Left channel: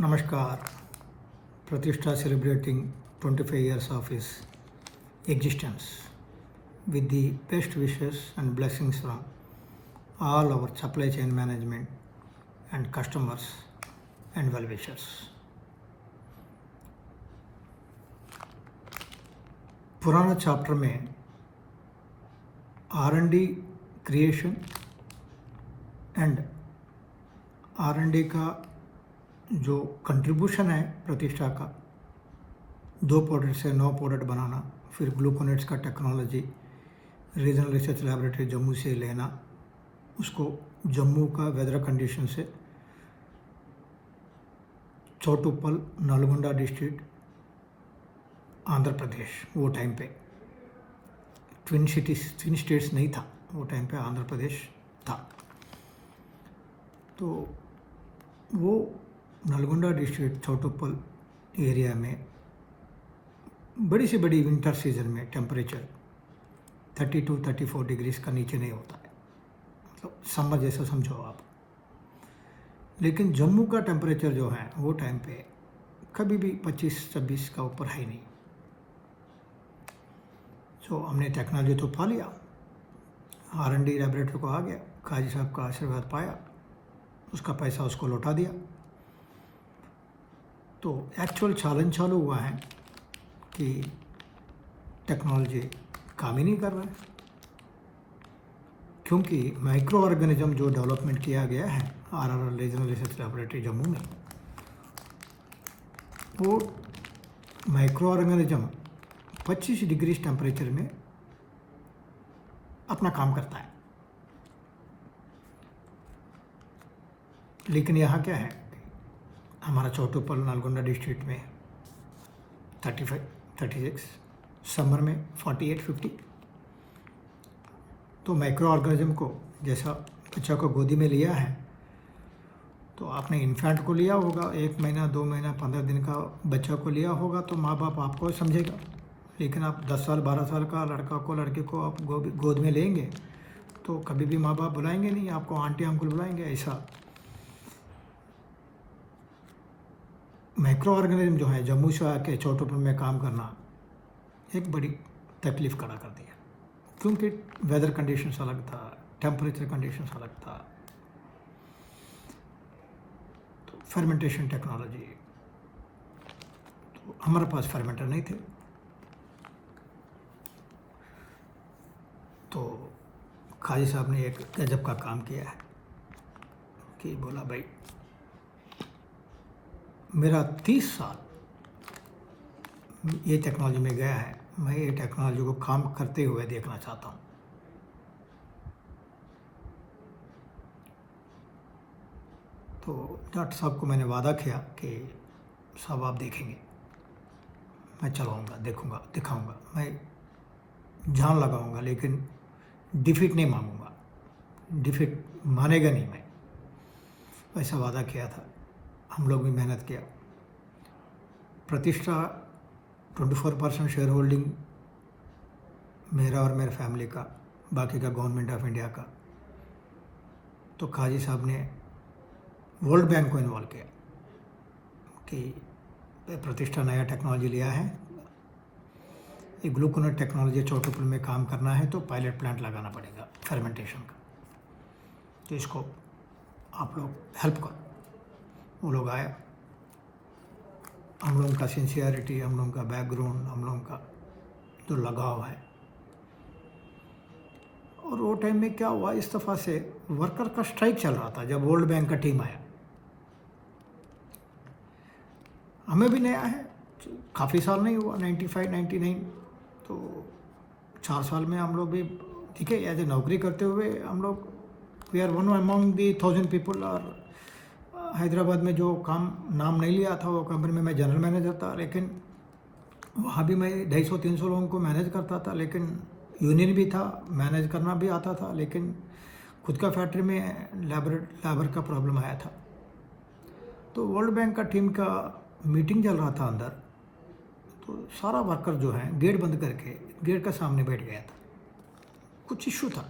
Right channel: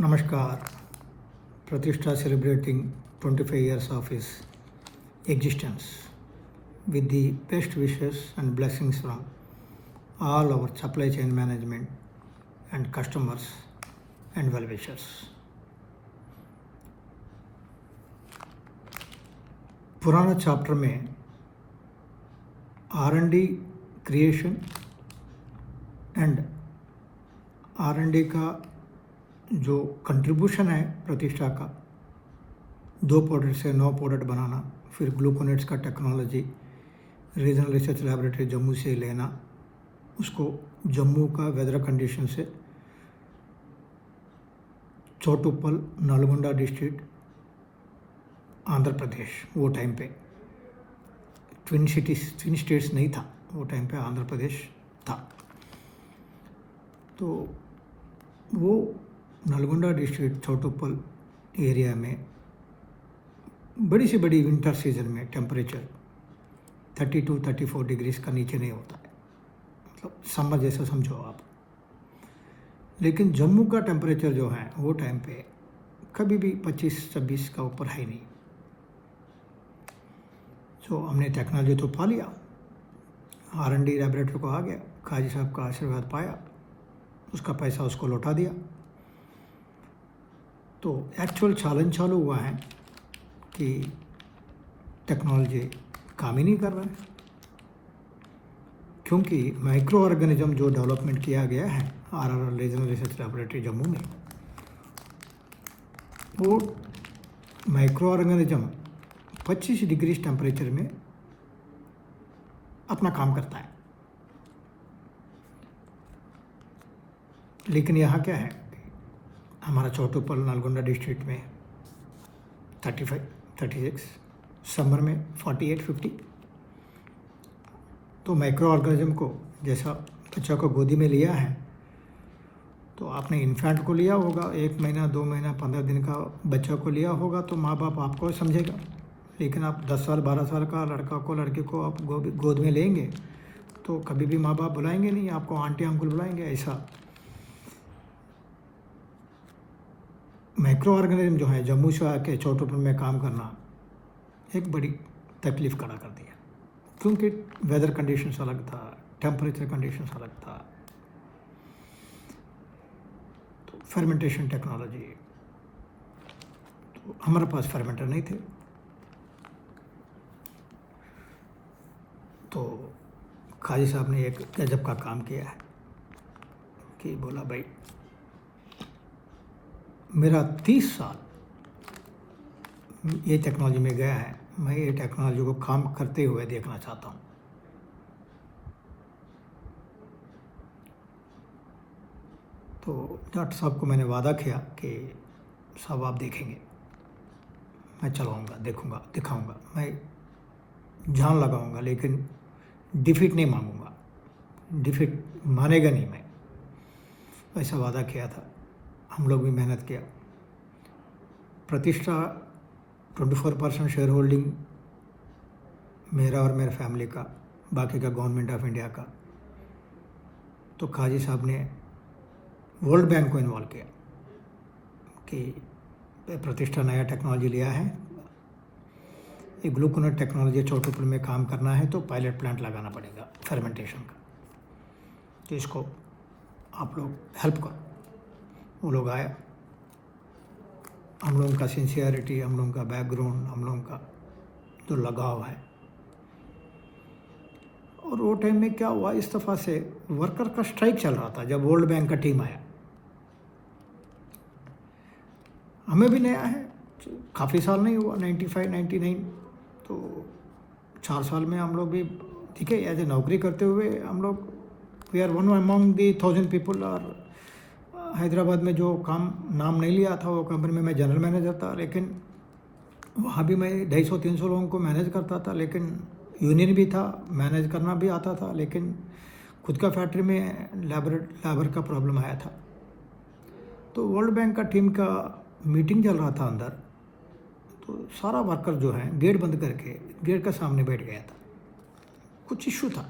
Namaskar. Pratishtha celebrating 25 years of its existence with the best wishes and blessings from all our supply chain management and customers and well-wishers. पुराना chapter में R&D creation and R&D का जो contribution है प्रतिष्ठा का 2 product से 9 product बनाना, फिर gluconates का technology regional research laboratory Jammu से लेना, उसको जम्मू का वेदर कंडीशन से चौटुप्पल नलगोंडा डिस्ट्रिक्ट आंध्र प्रदेश, वो टाइम पे ट्विन स्टेट्स नहीं था, वो टाइम पे आंध्र प्रदेश था। तो वो नलगोंडा डिस्ट्रिक्ट चौटुप्पल एरिया में बड़ी से बड़ी विंटर सीजन में टेम्परेचर 32-34 डिग्रीज का नीचे नहीं होता है, मतलब समर जैसा समझो आप। लेकिन जम्मू का टेम्परेचर जो है वो टाइम पे कभी भी 25-26 का ऊपर है नहीं। तो हमने टेक्नोलॉजी तो पा लिया, R&D लैबोरेटरी को आ गया, काजी साहब का आशीर्वाद पाया, उसका पैसा उसको लौटा दिया। तो एक्चुअल चैलेंज चालू हुआ है कि टेक्नोलॉजी काम ही नहीं कर रहा है, क्योंकि माइक्रो ऑर्गेनिज्म जो डेवलपमेंट किया गया है RRL regional research laboratory Jammu में, वो माइक्रो ऑर्गेनिज्म 25 डिग्री टेम्परेचर में अपना काम करता है। लेकिन यहाँ क्या है, हमारा चौटुप्पल नलगोंडा डिस्ट्रिक्ट में 35-36, समर में 48-50। तो माइक्रो ऑर्गेनिज्म को जैसा बच्चा को गोदी में लिया है, तो आपने इन्फेंट को लिया होगा, 1 महीना 2 महीना 15 दिन का बच्चा को लिया होगा, तो माँ बाप आपको समझेगा। लेकिन आप 10 साल 12 साल का लड़का को लड़के को आप गोद में लेंगे तो कभी भी माँ बाप बुलाएंगे नहीं, आपको आंटी अंकल बुलाएंगे। ऐसा माइक्रो ऑर्गेनिज्म जो है जम्मू से आके चौटुप्पल में काम करना एक बड़ी तकलीफ खड़ा कर दिया, क्योंकि वेदर कंडीशंस अलग था, टेम्परेचर कंडीशंस अलग था। तो फर्मेंटेशन टेक्नोलॉजी, तो हमारे पास फर्मेंटर नहीं थे, तो काजी साहब ने एक गजब का काम किया है कि बोला भाई मेरा 30 साल ये टेक्नोलॉजी में गया है, मैं ये टेक्नोलॉजी को काम करते हुए देखना चाहता हूँ। तो डॉक्टर साहब को मैंने वादा किया कि साहब आप देखेंगे, मैं चलाऊँगा, देखूँगा, दिखाऊँगा, मैं जान लगाऊँगा, लेकिन डिफीट नहीं मांगूँगा, डिफीट मानेगा नहीं मैं, ऐसा वादा किया था। हम लोग भी मेहनत किया। प्रतिष्ठा 24% शेयर होल्डिंग मेरा और मेरे फैमिली का, बाकी का गवर्नमेंट ऑफ इंडिया का। तो काजी साहब ने वर्ल्ड बैंक को इन्वॉल्व किया कि प्रतिष्ठा नया टेक्नोलॉजी लिया है, ये ग्लूकोनेट टेक्नोलॉजी चौटुप्पल में काम करना है, तो पायलट प्लांट लगाना पड़ेगा फर्मेंटेशन का, तो इसको आप लोग हेल्प करो। वो लोग आया, हम लोगों का सिंसियरिटी, हम लोगों का बैकग्राउंड, हम लोगों का जो लगाव है। और वो टाइम में क्या हुआ, इस दफ़ा से वर्कर का स्ट्राइक चल रहा था जब वर्ल्ड बैंक का टीम आया। हमें भी नया है, काफ़ी साल नहीं हुआ, 95-99, तो 4 साल में हम लोग भी ठीक है एज ए नौकरी करते हुए हम लोग we are one among the 1000 people. और हैदराबाद में जो काम नाम नहीं लिया था वो कंपनी में मैं जनरल मैनेजर था, लेकिन वहाँ भी मैं 250-300 लोगों को मैनेज करता था, लेकिन यूनियन भी था, मैनेज करना भी आता था, लेकिन खुद का फैक्ट्री में लेबर का प्रॉब्लम आया था। तो वर्ल्ड बैंक का टीम का मीटिंग चल रहा था अंदर, तो सारा वर्कर जो है गेट बंद करके गेट के सामने बैठ गया था। कुछ इशू था,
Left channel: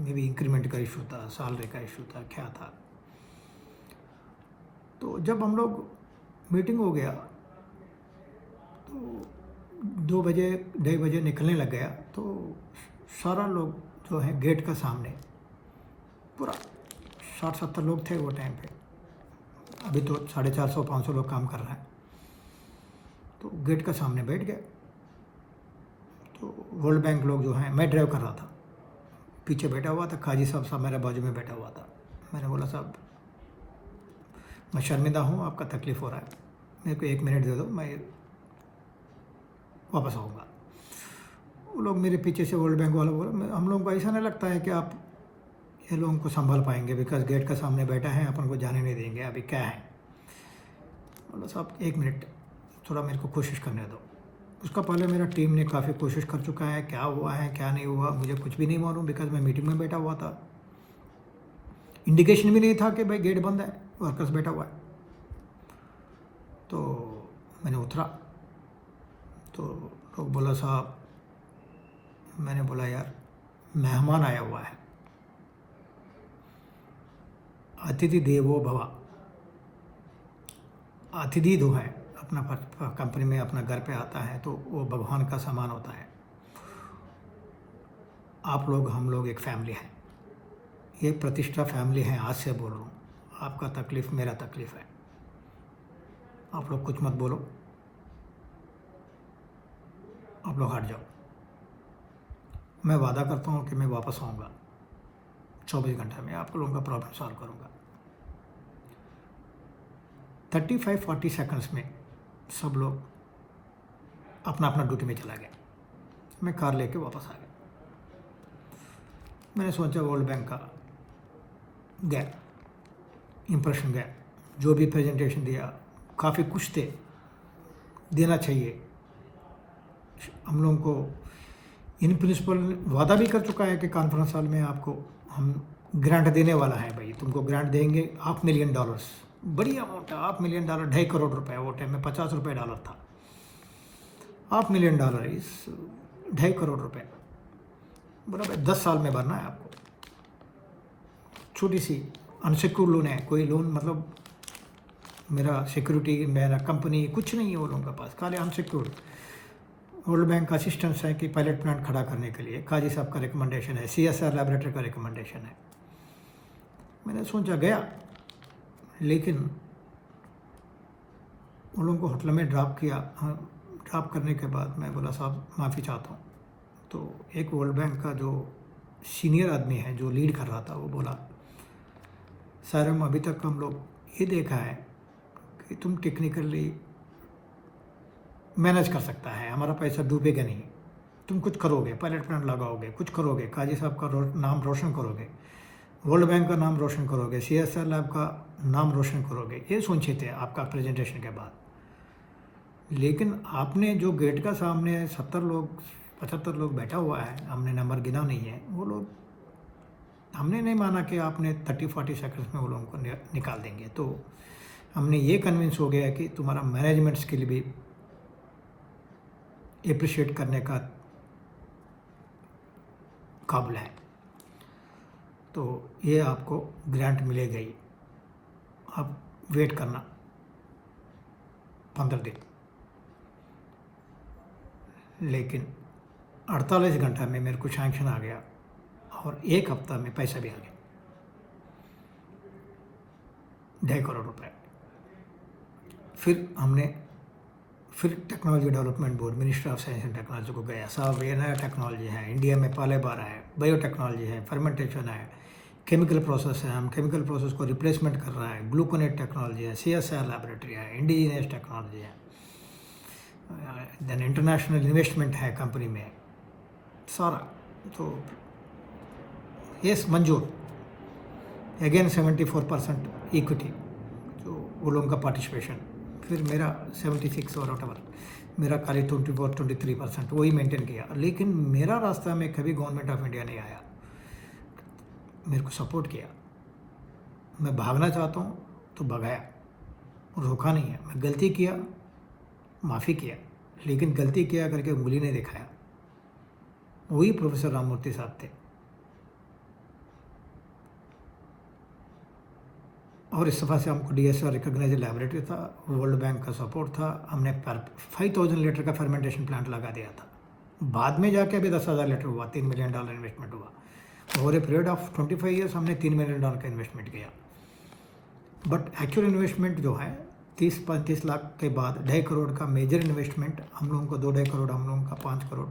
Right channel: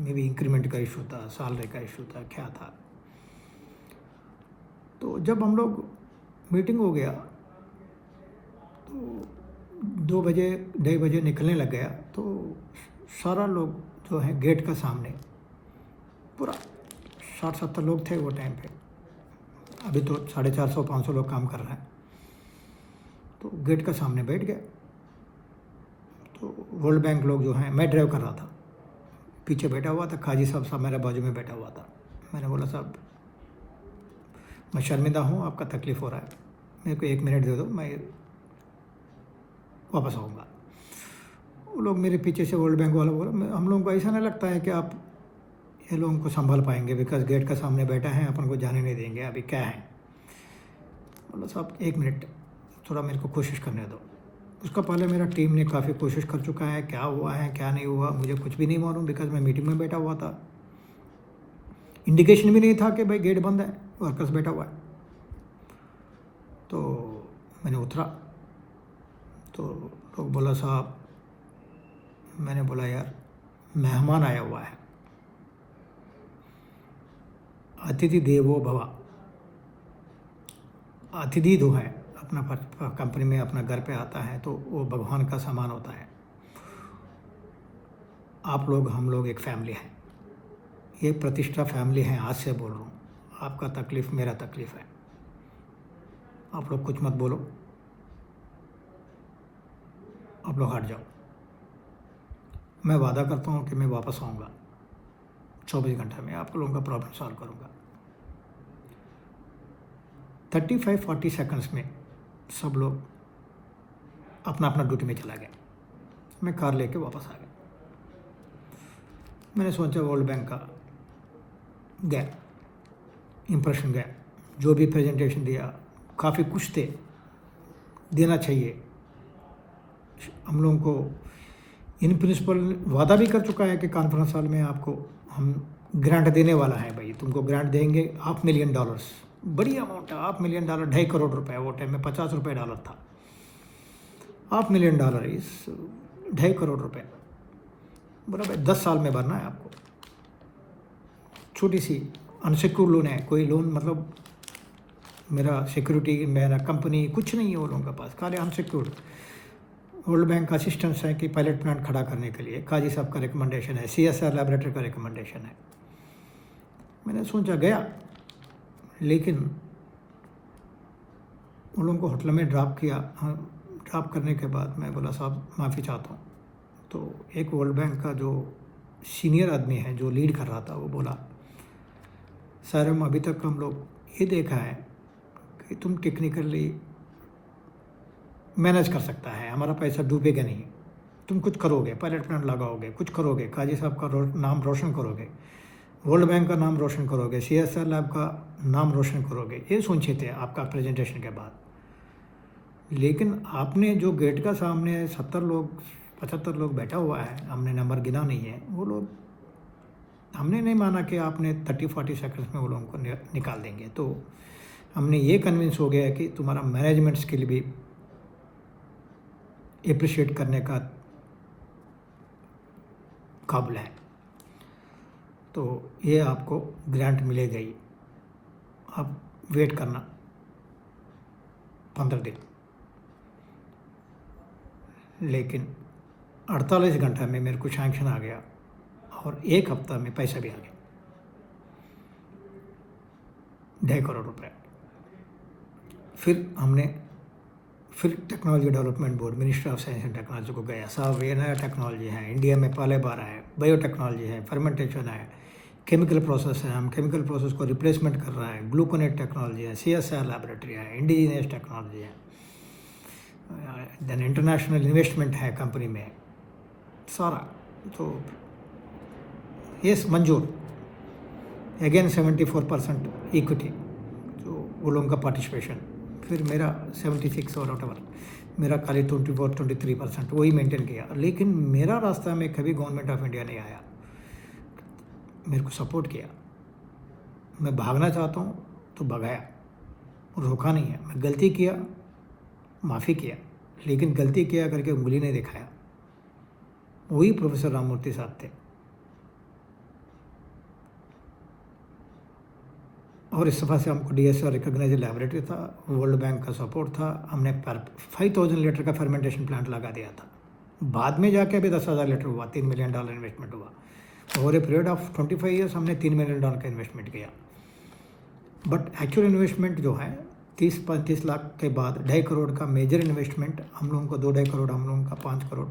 मे बी इंक्रीमेंट का इशू था, सैलरी का इशू था, क्या था। तो तो जब हम लोग मीटिंग हो गया तो 2 बजे 2:30 निकलने लग गया, तो सारा लोग जो है गेट का सामने पूरा 60-70 लोग थे वो टाइम पे। अभी तो 450-500 लोग काम कर रहे हैं। तो गेट का सामने बैठ गए। तो वर्ल्ड बैंक लोग जो हैं, मैं ड्राइव कर रहा था, पीछे बैठा हुआ था, काजी साहब मेरे बाजू में बैठा हुआ था। मैंने बोला साहब मैं शर्मिंदा हूँ, आपका तकलीफ़ हो रहा है, मेरे को 1 मिनट दे दो, मैं वापस आऊँगा। वो लोग मेरे पीछे से वर्ल्ड बैंक वाला बोला, हम लोगों को ऐसा नहीं लगता है कि आप ये लोगों को संभाल पाएंगे, बिकॉज गेट का सामने बैठा है, अपन को जाने नहीं देंगे, अभी क्या है। बोला साहब 1 मिनट थोड़ा मेरे को कोशिश करने दो। उसका पहले मेरा टीम ने काफ़ी कोशिश कर चुका है, क्या हुआ है क्या नहीं हुआ मुझे कुछ भी नहीं मालूम, बिकॉज मैं मीटिंग में बैठा हुआ था। इंडिकेशन भी नहीं था कि भाई गेट बंद है, वर्कर्स बैठा हुआ है। तो मैंने उतरा तो लोग बोला साहब, मैंने बोला यार मेहमान आया हुआ है, अतिथि देवो भव, अतिथि जो है अपना कंपनी में अपना घर पे आता है तो वो भगवान का समान होता है। आप लोग हम लोग एक फैमिली है, ये प्रतिष्ठा फैमिली है, आज से बोल रहा हूँ, आपका तकलीफ़ मेरा तकलीफ़ है, आप लोग कुछ मत बोलो, आप लोग हट जाओ। मैं वादा करता हूँ कि मैं वापस आऊँगा 24 घंटे में, आप लोगों का प्रॉब्लम सॉल्व करूँगा। 35-40 सेकंड्स में सब लोग अपना अपना ड्यूटी में चला गया। मैं कार लेके वापस आ गया। मैंने सोचा वर्ल्ड बैंक का गया, इम्प्रेशन गया, जो भी प्रेजेंटेशन दिया काफ़ी कुछ थे, देना चाहिए। हम लोगों को इन प्रिंसिपल वादा भी कर चुका है कि कॉन्फ्रेंस हॉल में आपको हम ग्रांट देने वाला है, भाई तुमको ग्रांट देंगे $500,000, बड़ी अमाउंट है। $500,000 2.5 करोड़ रुपए, वो टाइम में $50 था। $500,000 इस 2.5 करोड़ रुपए, बोला भाई 10 साल में भरना है आपको। छोटी सी अनसिक्योर्ड लोन है, कोई लोन मतलब मेरा सिक्योरिटी मेरा कंपनी कुछ नहीं है वो लोगों के पास, खाली अनसिक्योर्ड। वर्ल्ड बैंक का असिस्टेंस है कि पायलट प्लांट खड़ा करने के लिए काजी साहब का रिकमेंडेशन है, CSR लैबोरेटरी का रिकमेंडेशन है। मैंने सोचा गया, लेकिन उन लोगों को होटल में ड्रॉप किया। ड्रॉप करने के बाद मैं बोला साहब माफ़ी चाहता हूँ। तो एक वर्ल्ड बैंक का जो सीनियर आदमी है जो लीड कर रहा था, वो बोला सर हम अभी तक हम लोग ये देखा है कि तुम टेक्निकली मैनेज कर सकता है, हमारा पैसा डूबेगा नहीं, तुम कुछ करोगे, पायलट प्लांट लगाओगे, कुछ करोगे, काजी साहब का नाम रोशन करोगे, वर्ल्ड बैंक का नाम रोशन करोगे, CSR लैब का नाम रोशन करोगे, ये सोचे थे आपका प्रेजेंटेशन के बाद। लेकिन आपने जो गेट का सामने 70 लोग 75 लोग बैठा हुआ है, हमने नंबर गिना नहीं है, वो लोग हमने नहीं माना कि आपने 30-40 सेकंड्स में वो लोगों को निकाल देंगे। तो हमने ये कन्विंस हो गया कि तुम्हारा मैनेजमेंट स्किल भी एप्रिशिएट करने का काबिल है, तो ये आपको ग्रांट मिलेगा ही, आप वेट करना 15 दिन। लेकिन 48 घंटा में मेरे को सैंक्शन आ गया और 1 हफ्ता में पैसा भी आ गया, 2.5 करोड़ रुपए। फिर technology development board, ministry of science and technology को गया, साहब ये नया टेक्नोलॉजी है, इंडिया में पहले बार है, बायोटेक्नोलॉजी है, फर्मेंटेशन है, केमिकल प्रोसेस है, हम केमिकल प्रोसेस को रिप्लेसमेंट कर रहा है, ग्लूकोनेट टेक्नोलॉजी है, CSR लैबोरेटरी है, इंडिजीनियस टेक्नोलॉजी है, देन इंटरनेशनल इन्वेस्टमेंट है कंपनी में सारा। तो यस मंजूर, अगेन 74% इक्विटी जो वो लोगों का पार्टिसिपेशन, फिर मेरा 76 और वॉटएवर, मेरा खाली 24-23% वही मेंटेन किया। लेकिन मेरा रास्ता में कभी गवर्नमेंट ऑफ इंडिया नहीं आया, मेरे को सपोर्ट किया। मैं भागना चाहता हूँ तो भगाया, रोका नहीं है। मैं गलती किया, माफ़ी किया, लेकिन गलती किया करके उंगली नहीं दिखाया। वही प्रोफेसर राममूर्ति साहब थे। और इस दफ़ा से हमको DSR रिकॉग्नाइज लैबोरेटरी था, वर्ल्ड बैंक का सपोर्ट था, हमने 5000 लीटर का फर्मेंटेशन प्लांट लगा दिया था। बाद में जाके अभी 10,000 लीटर हुआ, $3 मिलियन इन्वेस्टमेंट हुआ। Over a period of 25 years हमने $3 मिलियन का इन्वेस्टमेंट किया। बट एक्चुअल इन्वेस्टमेंट जो है 30-35 लाख के बाद 2.5 करोड़ का मेजर इन्वेस्टमेंट हम लोगों को 2-2.5 करोड़, हम लोगों का 5 करोड़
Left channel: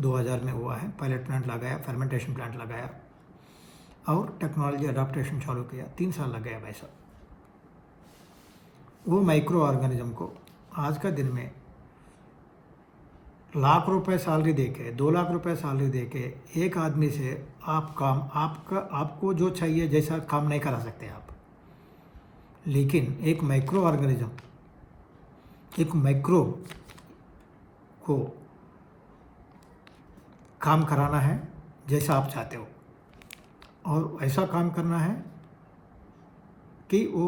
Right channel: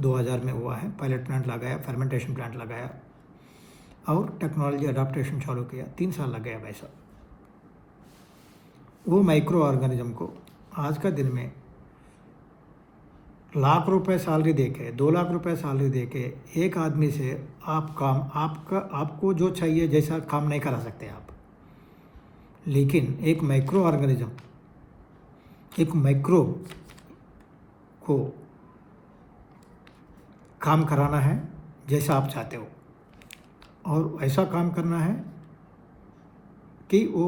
2000 में हुआ है। पायलट प्लांट लगाया, फर्मेंटेशन प्लांट लगाया और टेक्नोलॉजी अडाप्टेशन चालू किया। 3 साल लग गया भाई साहब। वो माइक्रो ऑर्गेनिज्म को आज का दिन में लाख रुपए सैलरी देके, 2 लाख रुपए सैलरी देके एक आदमी से आपको जो चाहिए जैसा काम नहीं करा सकते आप। लेकिन एक माइक्रो ऑर्गेनिज्म, एक माइक्रो को काम कराना है जैसा आप चाहते हो, और ऐसा काम करना है कि वो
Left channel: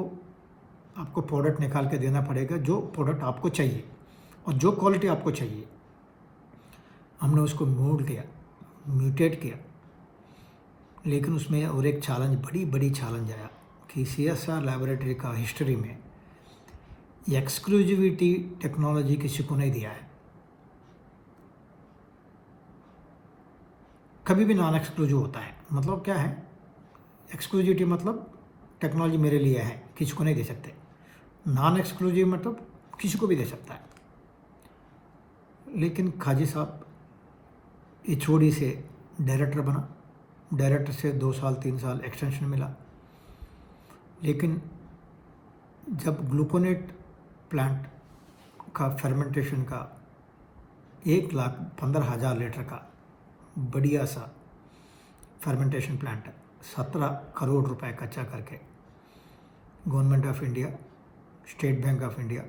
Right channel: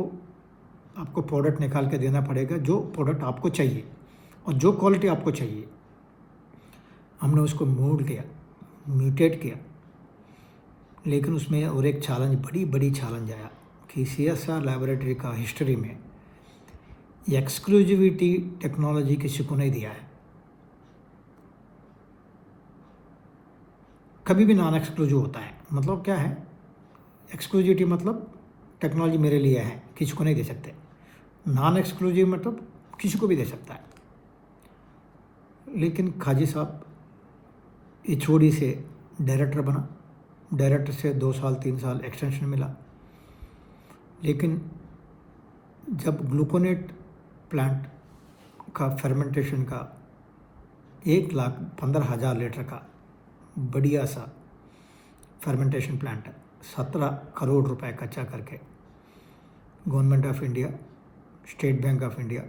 आपको प्रोडक्ट निकाल के देना पड़ेगा, जो प्रोडक्ट आपको चाहिए और जो क्वालिटी आपको चाहिए। हमने उसको मोल्ड किया, म्यूटेट किया। लेकिन उसमें और एक चैलेंज, बड़ी चैलेंज आया कि CSR लैबोरेटरी का हिस्ट्री में एक्सक्लूसिविटी टेक्नोलॉजी किसी को नहीं दिया है। कभी भी नॉन एक्सक्लूसिव होता है। मतलब क्या है एक्सक्लूसिविटी? मतलब टेक्नोलॉजी मेरे लिए है, किसी को नहीं दे सकते। नॉन एक्सक्लूसिव मतलब किसी को भी दे सकता है। लेकिन खाजी साहब HOD से डायरेक्टर बना, डायरेक्टर से 2 साल 3 साल एक्सटेंशन मिला। लेकिन जब ग्लूकोनेट प्लांट का फर्मेंटेशन का 1,15,000 लीटर का बढ़िया सा फर्मेंटेशन प्लांट 17 करोड़ रुपए खर्चा करके government of India, State Bank of India,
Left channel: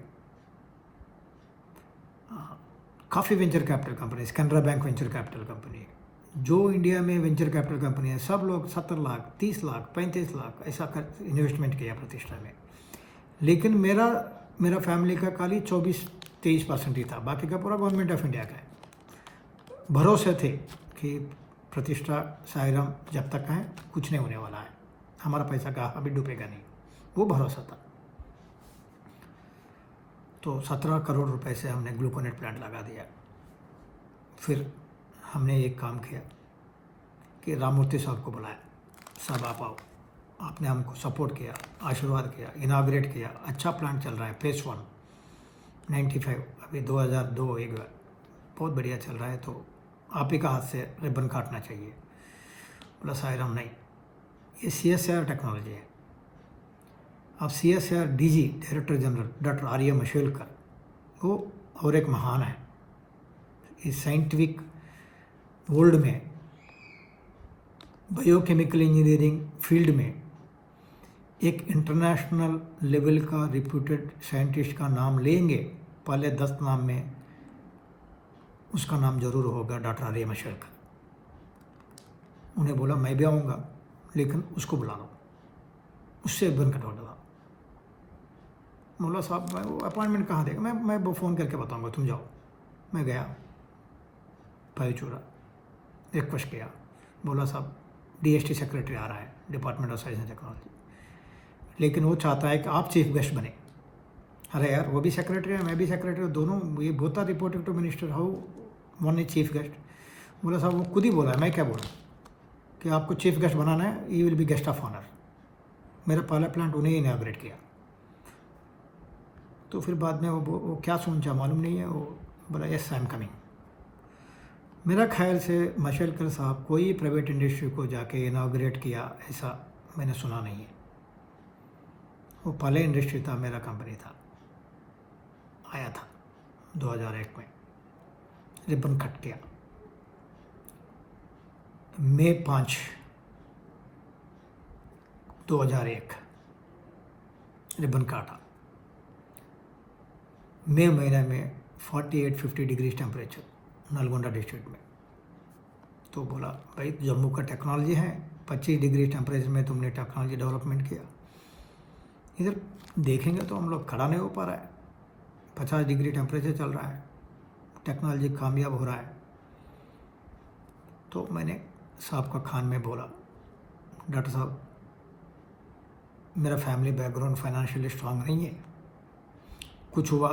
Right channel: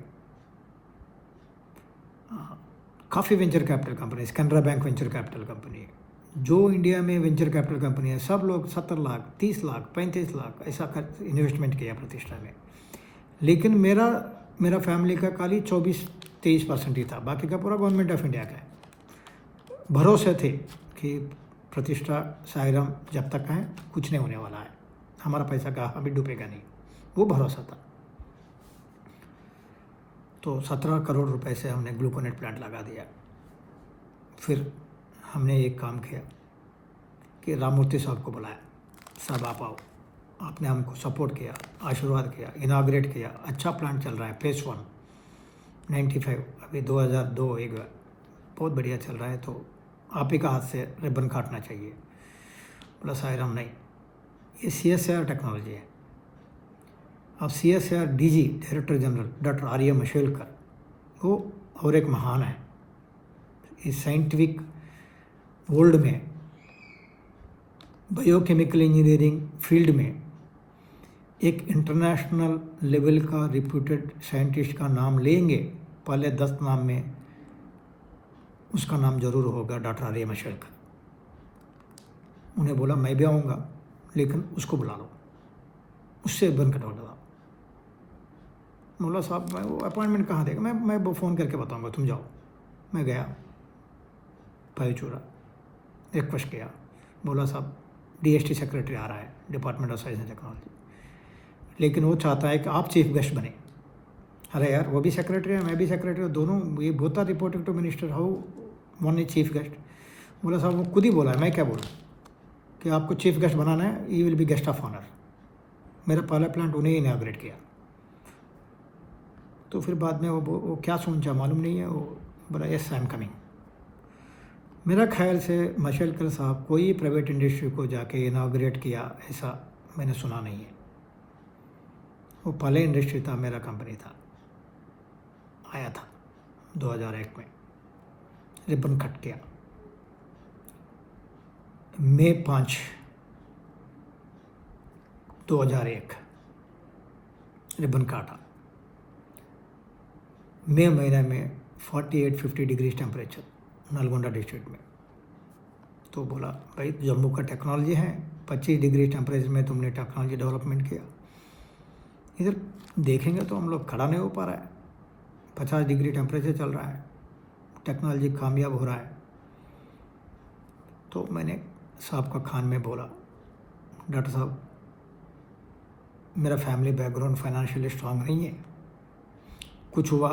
काफ़ी venture capital company, Canara Bank venture capital company है, जो इंडिया में वेंचर कैपिटल कंपनी है, सब लोग 70 लाख, 30 लाख, 35 लाख ऐसा कर इन्वेस्टमेंट किया प्रतिष्ठा में। लेकिन मेरा फैमिली का खाली 24-23% ही था, बाकी का पूरा गवर्नमेंट ऑफ इंडिया का है। भरोसे थे कि प्रतिष्ठा साईराम जब तक है कुछ नहीं होने वाला है, हमारा पैसा कहाँ अभी डूबेगा नहीं, वो भरोसा था। तो 17 करोड़ रुपए से हमने ग्लूकोनेट प्लांट लगा दिया। फिर हमने एक काम किया कि राममूर्ति साहब को बुलाया, साहब आप आओ। आपने हमको सपोर्ट किया, आशीर्वाद किया, इनाग्रेट किया। अच्छा प्लांट चल रहा है, फेस 1 95, अभी 2002 एक बहुत बढ़िया चल रहा है, तो आप ही का हाथ से रिबन काटना चाहिए। बोला साईराम नहीं, ये CSR टेक्नोलॉजी है। अब CSR DG director general doctor R A Mashelkar, वो और एक महान है इस साइंटिफिक वर्ल्ड में, बायोकेमिकल इंजीनियरिंग फील्ड में एक इंटरनेशनल लेवल का रिप्यूटेड साइंटिस्ट का नाम लेंगे, पहले 10 नाम में उसका नाम जरूर होगा डॉक्टर आर्य मशेलकर। उन्हें बोला मैं भी आऊँगा, लेकिन उसको बुला लो, उससे बन कटवा दो। बोला साहब वो अपॉइंटमेंट कहाँ देगा, मैं वो फ़ोन करके बताऊँगा, तुम जाओ। मैं गया भाईचूरा, रिक्वेस्ट किया। बोला साहब DST सेक्रेटरी आ रहा है, department of science and technology, लेकिन वो चाहता है कि आप चीफ गेस्ट बने। अरे यार वो भी सेक्रेटरी है, मैं भी सेक्रेटरी हूँ, दोनों ये both are reporting to minister, how one is chief guest. बोला साहब वो खुद ही बोला है, मैं क्या बोलूँ कि आपको चीफ गेस्ट बनाना है, you will be guest of honour. मेरा पहला प्लांट उन्हें इनाग्रेट किया। तो फिर बाद में वो क्या सोचा मालूम नहीं है, वो बोला यस आई एम कमिंग। मेरा ख्याल से मशेलकर साहब कोई प्राइवेट इंडस्ट्री को जाके इनाग्रेट किया ऐसा मैंने सुना नहीं है। वो पहले इंडस्ट्री था, मेरा कंपनी था, आया था 2001 में, रिबन कट किया। मई 5, 2001 रिबन काटा। मई महीने में 48-50 डिग्री टेम्परेचर नलगोंडा डिस्ट्रिक्ट में। तो बोला भाई जम्मू का टेक्नोलॉजी है, 25 डिग्री टेम्परेचर में तुमने टेक्नोलॉजी डेवलपमेंट किया, इधर देखेंगे तो हम लोग खड़ा नहीं हो पा रहा है, 50 डिग्री टेम्परेचर चल रहा है, टेक्नोलॉजी कामयाब हो रहा है। तो मैंने साहब का खान में बोला डॉक्टर साहब मेरा फैमिली बैकग्राउंड फाइनेंशियली स्ट्रांग नहीं है, कुछ हुआ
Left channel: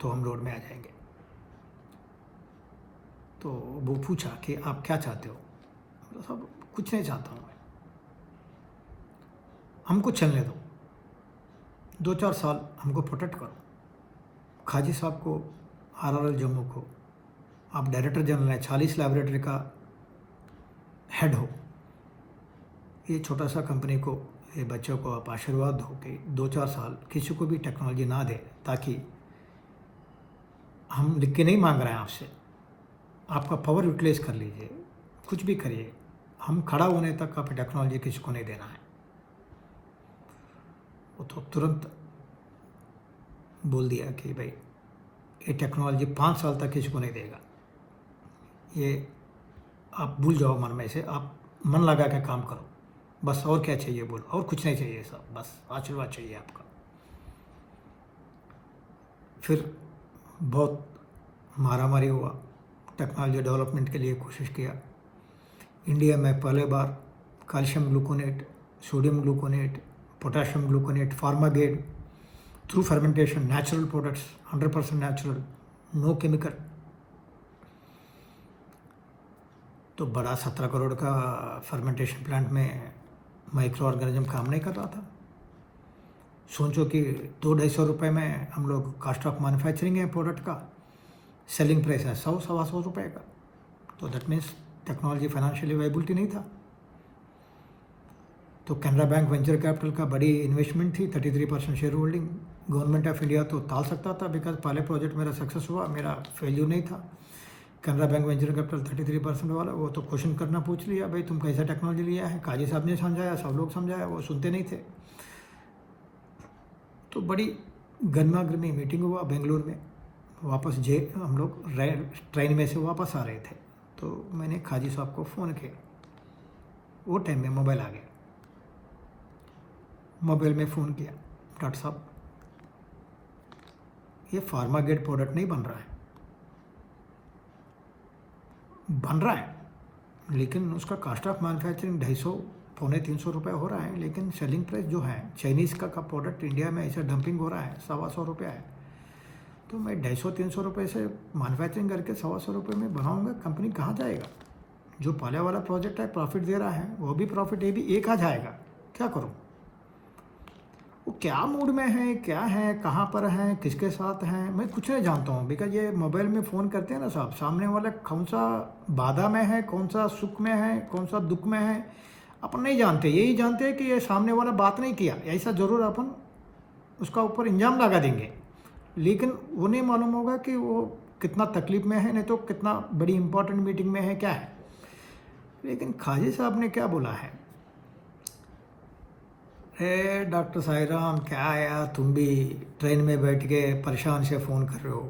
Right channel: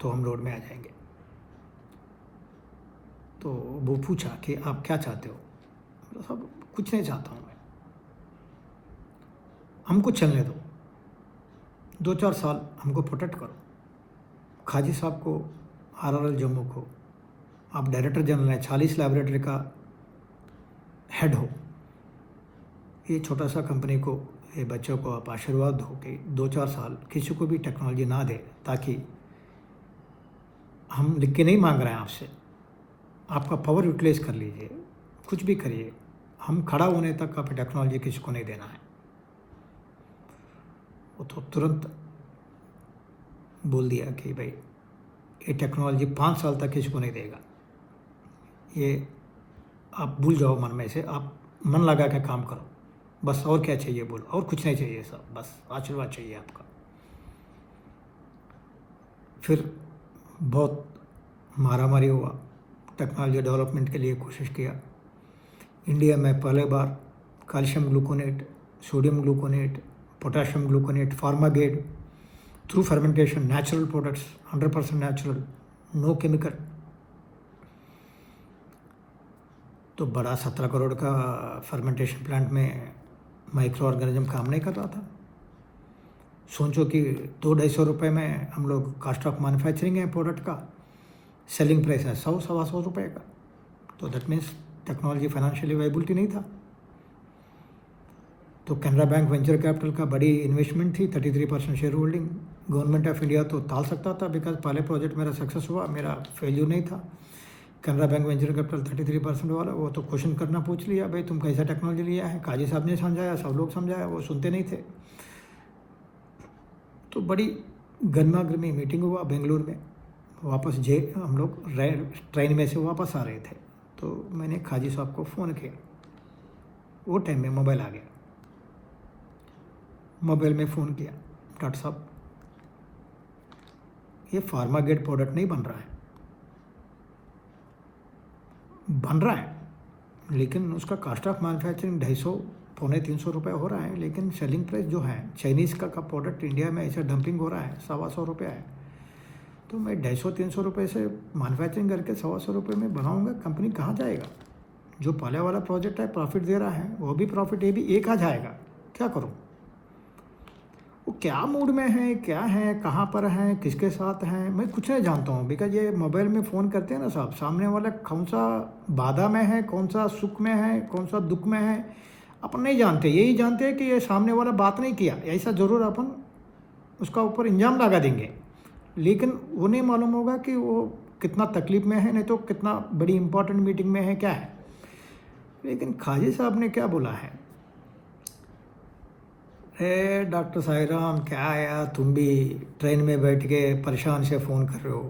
तो हम रोड में आ जाएंगे। तो वो पूछा कि आप क्या चाहते हो? बोला, साहब कुछ नहीं चाहता हूँ मैं, हमको चलने दो, 2-4 साल हमको प्रोटेक्ट करो। खाजी साहब को, RRL जम्मू को आप डायरेक्टर जनरल हैं, 40 लैबोरेटरी का हेड हो, ये छोटा सा कंपनी को, ये बच्चों को आप आशीर्वाद दो कि 2-4 साल किसी को भी टेक्नोलॉजी ना दे, ताकि हम लिख के नहीं मांग रहे हैं आपसे, आपका पावर यूटिलाइज कर लीजिए, कुछ भी करिए, हम खड़ा होने तक आप टेक्नोलॉजी किसी को नहीं देना है। वो तो तुरंत बोल दिया कि भाई ये टेक्नोलॉजी 5 साल तक किसी को नहीं देगा, ये आप भूल जाओ मन में से, आप मन लगा के काम करो, बस और क्या चाहिए बोलो, और कुछ नहीं चाहिए साहब, बस आशीर्वाद चाहिए आपका। फिर बहुत मारामारी हुआ, टेक्नोलॉजी डेवलपमेंट के लिए कोशिश किया। इंडिया में पहले बार calcium gluconate, sodium gluconate, potassium gluconate, fermented through fermentation, natural products, 100% natural, no chemical. तो बड़ा 17 करोड़ का फर्मेंटेशन प्लांट में माइक्रो ऑर्गेनिज्म काम नहीं कर रहा था। सोचो कि 200-250 रुपये में हम लोग कॉस्ट ऑफ मैन्युफैक्चरिंग है प्रोडक्ट का, सेलिंग प्राइस है 100-125 रुपये का। तो that means technology financially viability नहीं था। तो कैनरा बैंक वेंचर कैपिटल का बड़ी इन्वेस्टमेंट थी, 33% share holding. Government of India तो टाल सकता था, बिकॉज पहले प्रोजेक्ट मेरा सक्सेस हुआ, मेरा फेल्यूर नहीं था। कैनरा बैंक वेंचर कैपिटल 33% वाला, वो तो क्वेश्चन करना पूछ लिया, भाई तुम कैसा टेक्नोलॉजी लिया है? काजी साहब ने समझाया, सब लोग समझाया, वो सुनते नहीं थे। तो बड़ी गर्मा गर्मी मीटिंग हुआ बेंगलुरु में। वापस हम लोग ट्रेन में से वापस आ रहे थे, तो मैंने खाजी साहब को फ़ोन किया। वो टाइम में मोबाइल आ गया, मोबाइल में फ़ोन किया, डॉक्टर साहब ये फार्मागेड प्रोडक्ट नहीं बन रहा है, बन रहा है लेकिन उसका कॉस्ट ऑफ मैन्युफैक्चरिंग 250-300 रुपये हो रहा है, लेकिन सेलिंग प्राइस जो है चाइनीज़ का प्रोडक्ट इंडिया में ऐसा डंपिंग हो रहा है, 125 रुपये है। तो मैं 250-300 रुपये से मैन्युफैक्चरिंग करके 125 रुपये में बनाऊंगा, कंपनी कहाँ जाएगा? जो पहले वाला प्रोजेक्ट है प्रॉफिट दे रहा है, वो भी प्रॉफिट, ये भी एक आ जाएगा, क्या करूँ? वो क्या मूड में है, क्या है, कहाँ पर है, किसके साथ हैं, मैं कुछ नहीं जानता हूँ। बिकॉज ये मोबाइल में फ़ोन करते हैं ना साहब, सामने वाला कौन सा बाधा में है, कौन सा सुख में है, कौन सा दुख में है, अपन नहीं जानते। यही जानते हैं कि ये सामने वाला बात नहीं किया, ऐसा ज़रूर अपन उसका ऊपर इंजाम लगा देंगे, लेकिन वो नहीं मालूम होगा कि वो कितना तकलीफ़ में है, नहीं तो कितना बड़ी इंपॉर्टेंट मीटिंग में है, क्या है। लेकिन खाजी साहब ने क्या बोला है, डॉक्टर साईराम क्या है यार, तुम भी ट्रेन में बैठ के परेशान से फ़ोन कर रहे हो,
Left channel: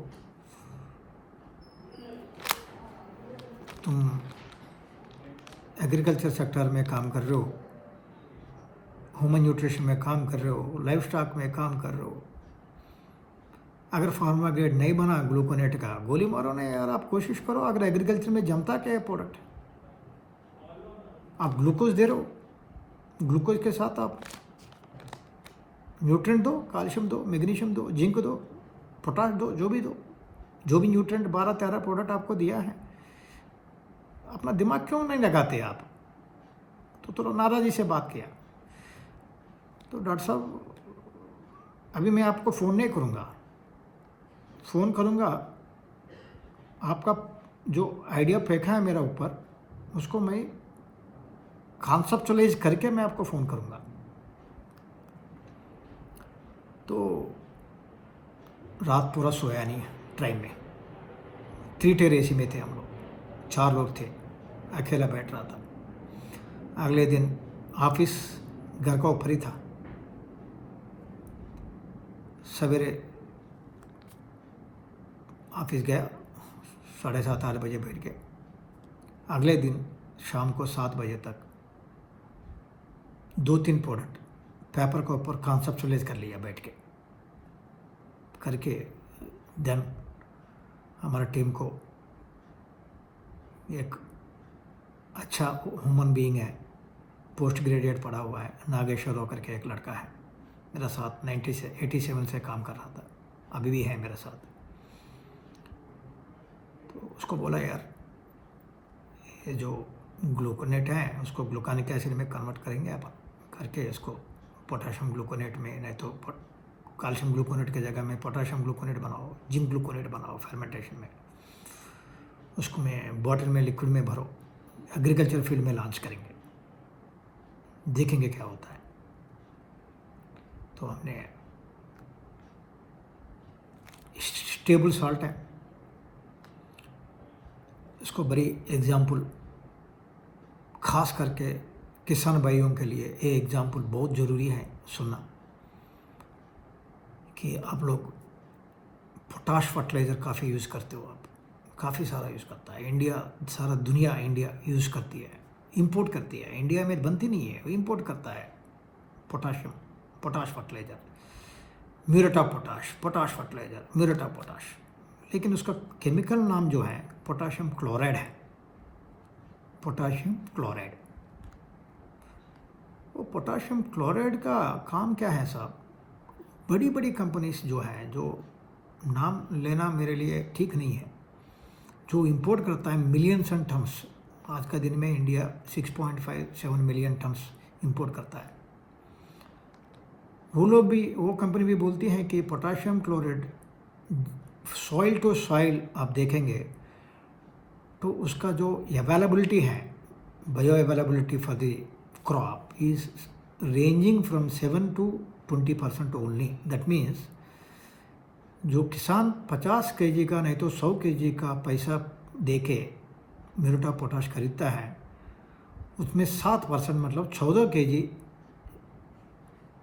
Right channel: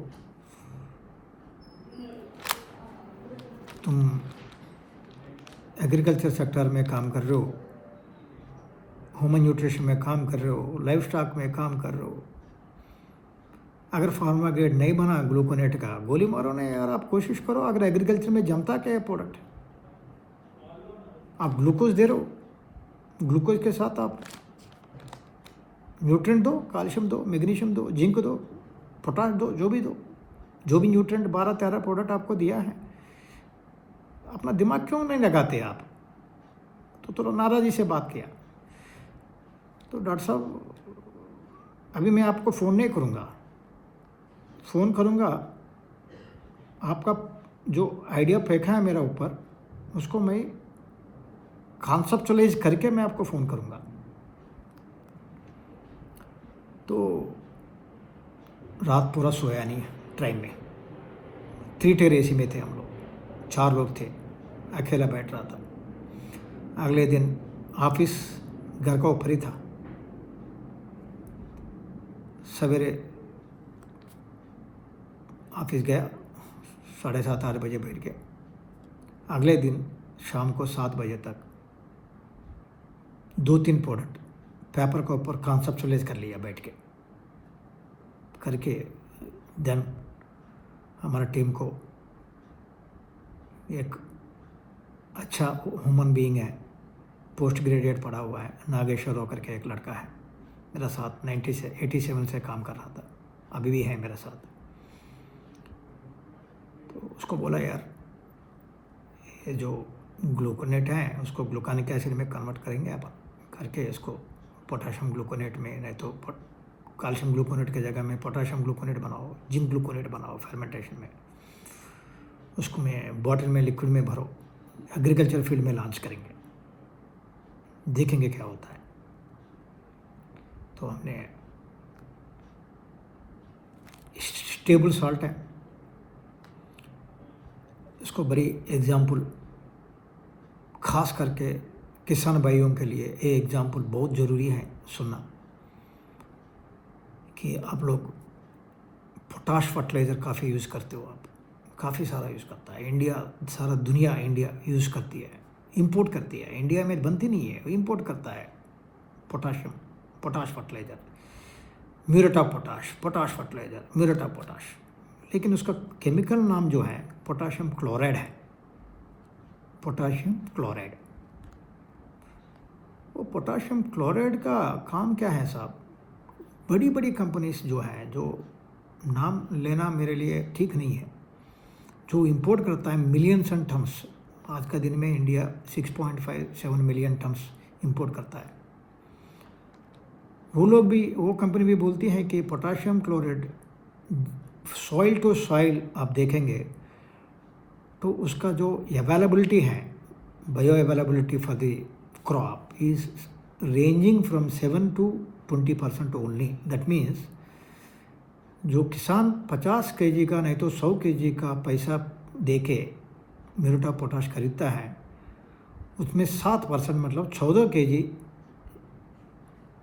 तुम एग्रीकल्चर सेक्टर में काम कर रहे हो, ह्यूमन न्यूट्रिशन में काम कर रहे हो, लाइफ स्टॉक में काम कर रहे हो, अगर फार्मागेड नहीं बना ग्लूकोनेट का, गोली मारो नहीं यार, आप कोशिश करो। अगर एग्रीकल्चर में जमता क्या है प्रोडक्ट, आप ग्लूकोज दे रहे हो, ग्लूकोज के साथ आप न्यूट्रेंट दो, कैल्शियम दो, मैग्नीशियम दो, जिंक दो, पोटाश दो, जो भी न्यूट्रेंट 12-13 प्रोडक्ट आपको दिया है, अपना दिमाग क्यों नहीं लगाते आप? तो नाराज़ी से बात किया। तो डॉक्टर साहब अभी मैं आपको फ़ोन नहीं करूँगा, फ़ोन करूँगा आपका जो आइडिया फेंका है मेरा ऊपर, उसको मैं कॉन्सेप्चुअलाइज करके मैं आपको फ़ोन करूँगा। तो रात पूरा सोया नहीं ट्रेन में, 3 टायर AC में थे हम लोग, 4 लोग थे, अकेला बैठ रहा था। अगले दिन ऑफिस घर का ऊपर ही था, सवेरे ऑफिस गया, 7:30-8 बजे बैठ गया। अगले दिन शाम को 7 बजे तक 2-3 प्रोडक्ट पेपर के ऊपर कॉन्सेप्चुअलाइज कर लिया बैठ के करके। देन हमारा टीम को एक अच्छा ह्यूमन बीइंग है, पोस्ट ग्रेजुएट पढ़ा हुआ है, नागेश्वर करके एक लड़का है, मेरा साथ 90 से 87 से काम कर रहा था, अभी भी है मेरा साथ। तो उसको बोला यार ये जो ग्लूकोनेट है उसको ग्लूकानिक एसिड में कन्वर्ट करेंगे अपन, करके इसको पोटाशियम ग्लूकोनेट में, नहीं तो कैल्शियम ग्लूकोनेट की जगह में पोटाशियम ग्लूकोनेट बनाओ, जिंक ग्लूकोनेट बनाओ फर्मेंटेशन में, उसको मैं बॉटल में लिक्विड में भरो, एग्रीकल्चर फील्ड में लॉन्च करेंगे, देखेंगे क्या होता है। तो हमने स्टेबल सॉल्ट है, इसको बड़ी एग्जाम्पल खास करके किसान भाइयों के लिए ये एग्जाम्पल बहुत ज़रूरी है सुनना, कि आप लोग पोटाश फर्टिलाइज़र काफ़ी यूज़ करते हो, आप काफ़ी सारा यूज़ करता है इंडिया, सारा दुनिया इंडिया यूज़ करती है, इंपोर्ट करती है, इंडिया में बनती नहीं है, वो इंपोर्ट करता है potash fertiliser, muriate of potash fertiliser, muriate of potash, लेकिन उसका केमिकल नाम जो है पोटाशियम क्लोराइड है, पोटाशियम क्लोराइड। वो पोटाशियम क्लोराइड का काम क्या है साहब, बड़ी बड़ी कंपनीज जो हैं, जो नाम लेना मेरे लिए ठीक नहीं है, जो इंपोर्ट करता है मिलियंस एंड टन्स, आज का दिन में इंडिया 6.57 मिलियन टन्स इंपोर्ट करता है। वो लोग भी, वो कंपनी भी बोलती है कि potassium chloride soil to soil आप देखेंगे तो उसका जो अवेलेबिलिटी है, bio availability for the crop is ranging from 7 to 20% only. That means जो किसान 50 kg का नहीं तो 100 kg का पैसा दे के म्यूरेट ऑफ पोटाश खरीदता है, उसमें 7% मतलब 14 kg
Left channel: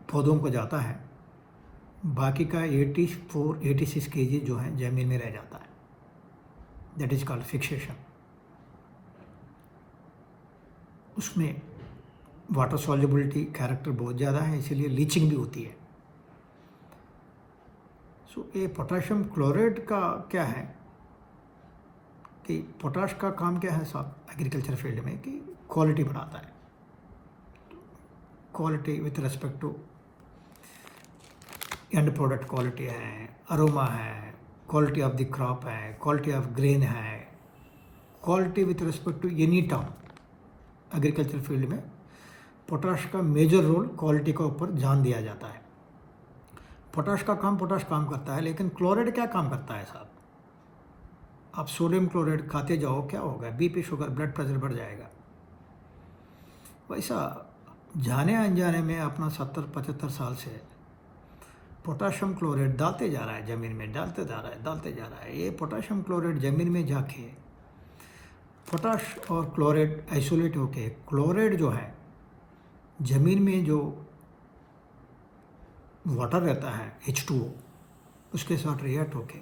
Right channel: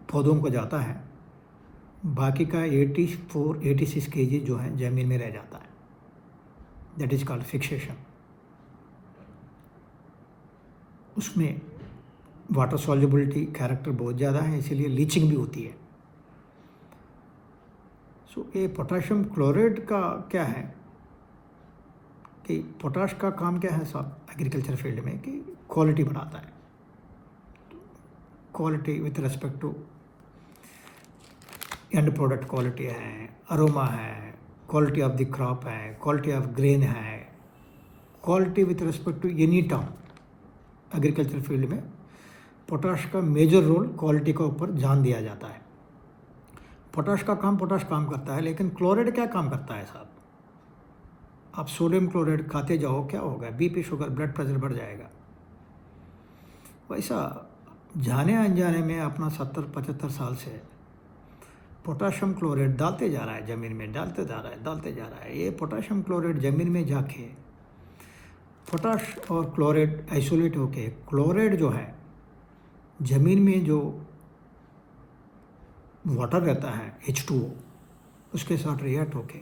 पौधों को जाता है, बाकी का 86 kg जो है ज़मीन में रह जाता है। That is called fixation. उसमें वाटर सॉल्युबिलिटी कैरेक्टर बहुत ज़्यादा है, इसीलिए लीचिंग भी होती है। सो ये पोटाशियम क्लोराइड का क्या है कि पोटाश का काम क्या है साहब एग्रीकल्चर फील्ड में, कि क्वालिटी बढ़ाता है, quality with respect to end product quality है, अरोमा है, क्वालिटी ऑफ द क्रॉप है, क्वालिटी ऑफ ग्रेन है, quality with respect to any term. Agriculture field में पोटाश का मेजर रोल क्वालिटी के ऊपर ध्यान दिया जाता है। पोटाश काम करता है, लेकिन क्लोराइड क्या काम करता है साहब, आप सोडियम क्लोराइड खाते जाओ क्या होगा, बीपी शुगर ब्लड प्रेशर बढ़ जाएगा। वैसा जाने अनजाने में अपना 70-75 साल से पोटाशियम क्लोराइड डालते जा रहा है ज़मीन में, डालते जा रहा है। ये पोटाशियम क्लोराइड ज़मीन में जाके पोटाश और क्लोराइड आइसोलेट होके, क्लोराइड जो है ज़मीन में जो वाटर रहता है H2O, उसके साथ रिएक्ट होके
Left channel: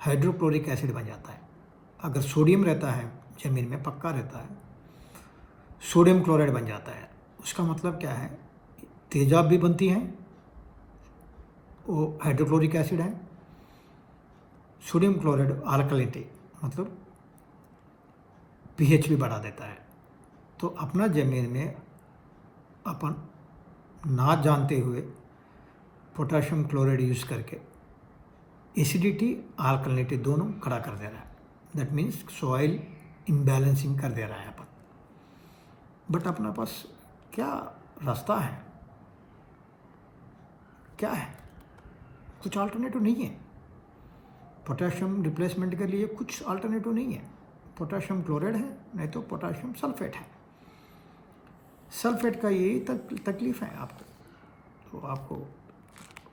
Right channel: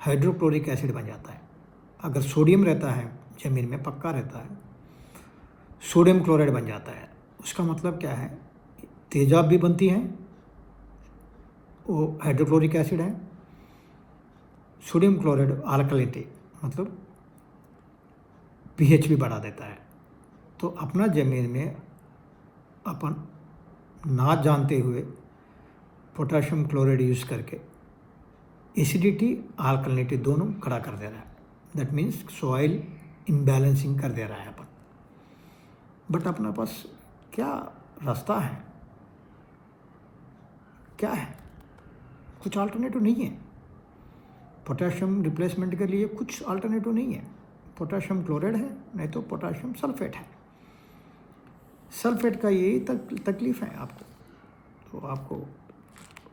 हाइड्रोक्लोरिक एसिड बन जाता है। अगर सोडियम रहता है ज़मीन में, पक्का रहता है, सोडियम क्लोराइड बन जाता है। उसका मतलब क्या है, तेजाब भी बनती है, वो हाइड्रोक्लोरिक एसिड है, सोडियम क्लोराइड अल्कलिनिटी मतलब pH भी बढ़ा देता है। तो अपना ज़मीन में अपन ना जानते हुए पोटाशियम क्लोराइड यूज़ करके एसिडिटी अल्कलिनिटी दोनों खड़ा कर दे रहा है। दैट मीन्स सॉइल इम्बैलेंसिंग कर दे रहा है अपन। बट अपना पास क्या रास्ता है, क्या है, कुछ अल्टरनेटिव नहीं है। पोटाशियम रिप्लेसमेंट के लिए कुछ अल्टरनेटिव नहीं है। पोटाशियम क्लोराइड है, नहीं तो पोटाशियम सल्फेट है। सल्फेट का यही तकलीफ़ है आपको। तो आपको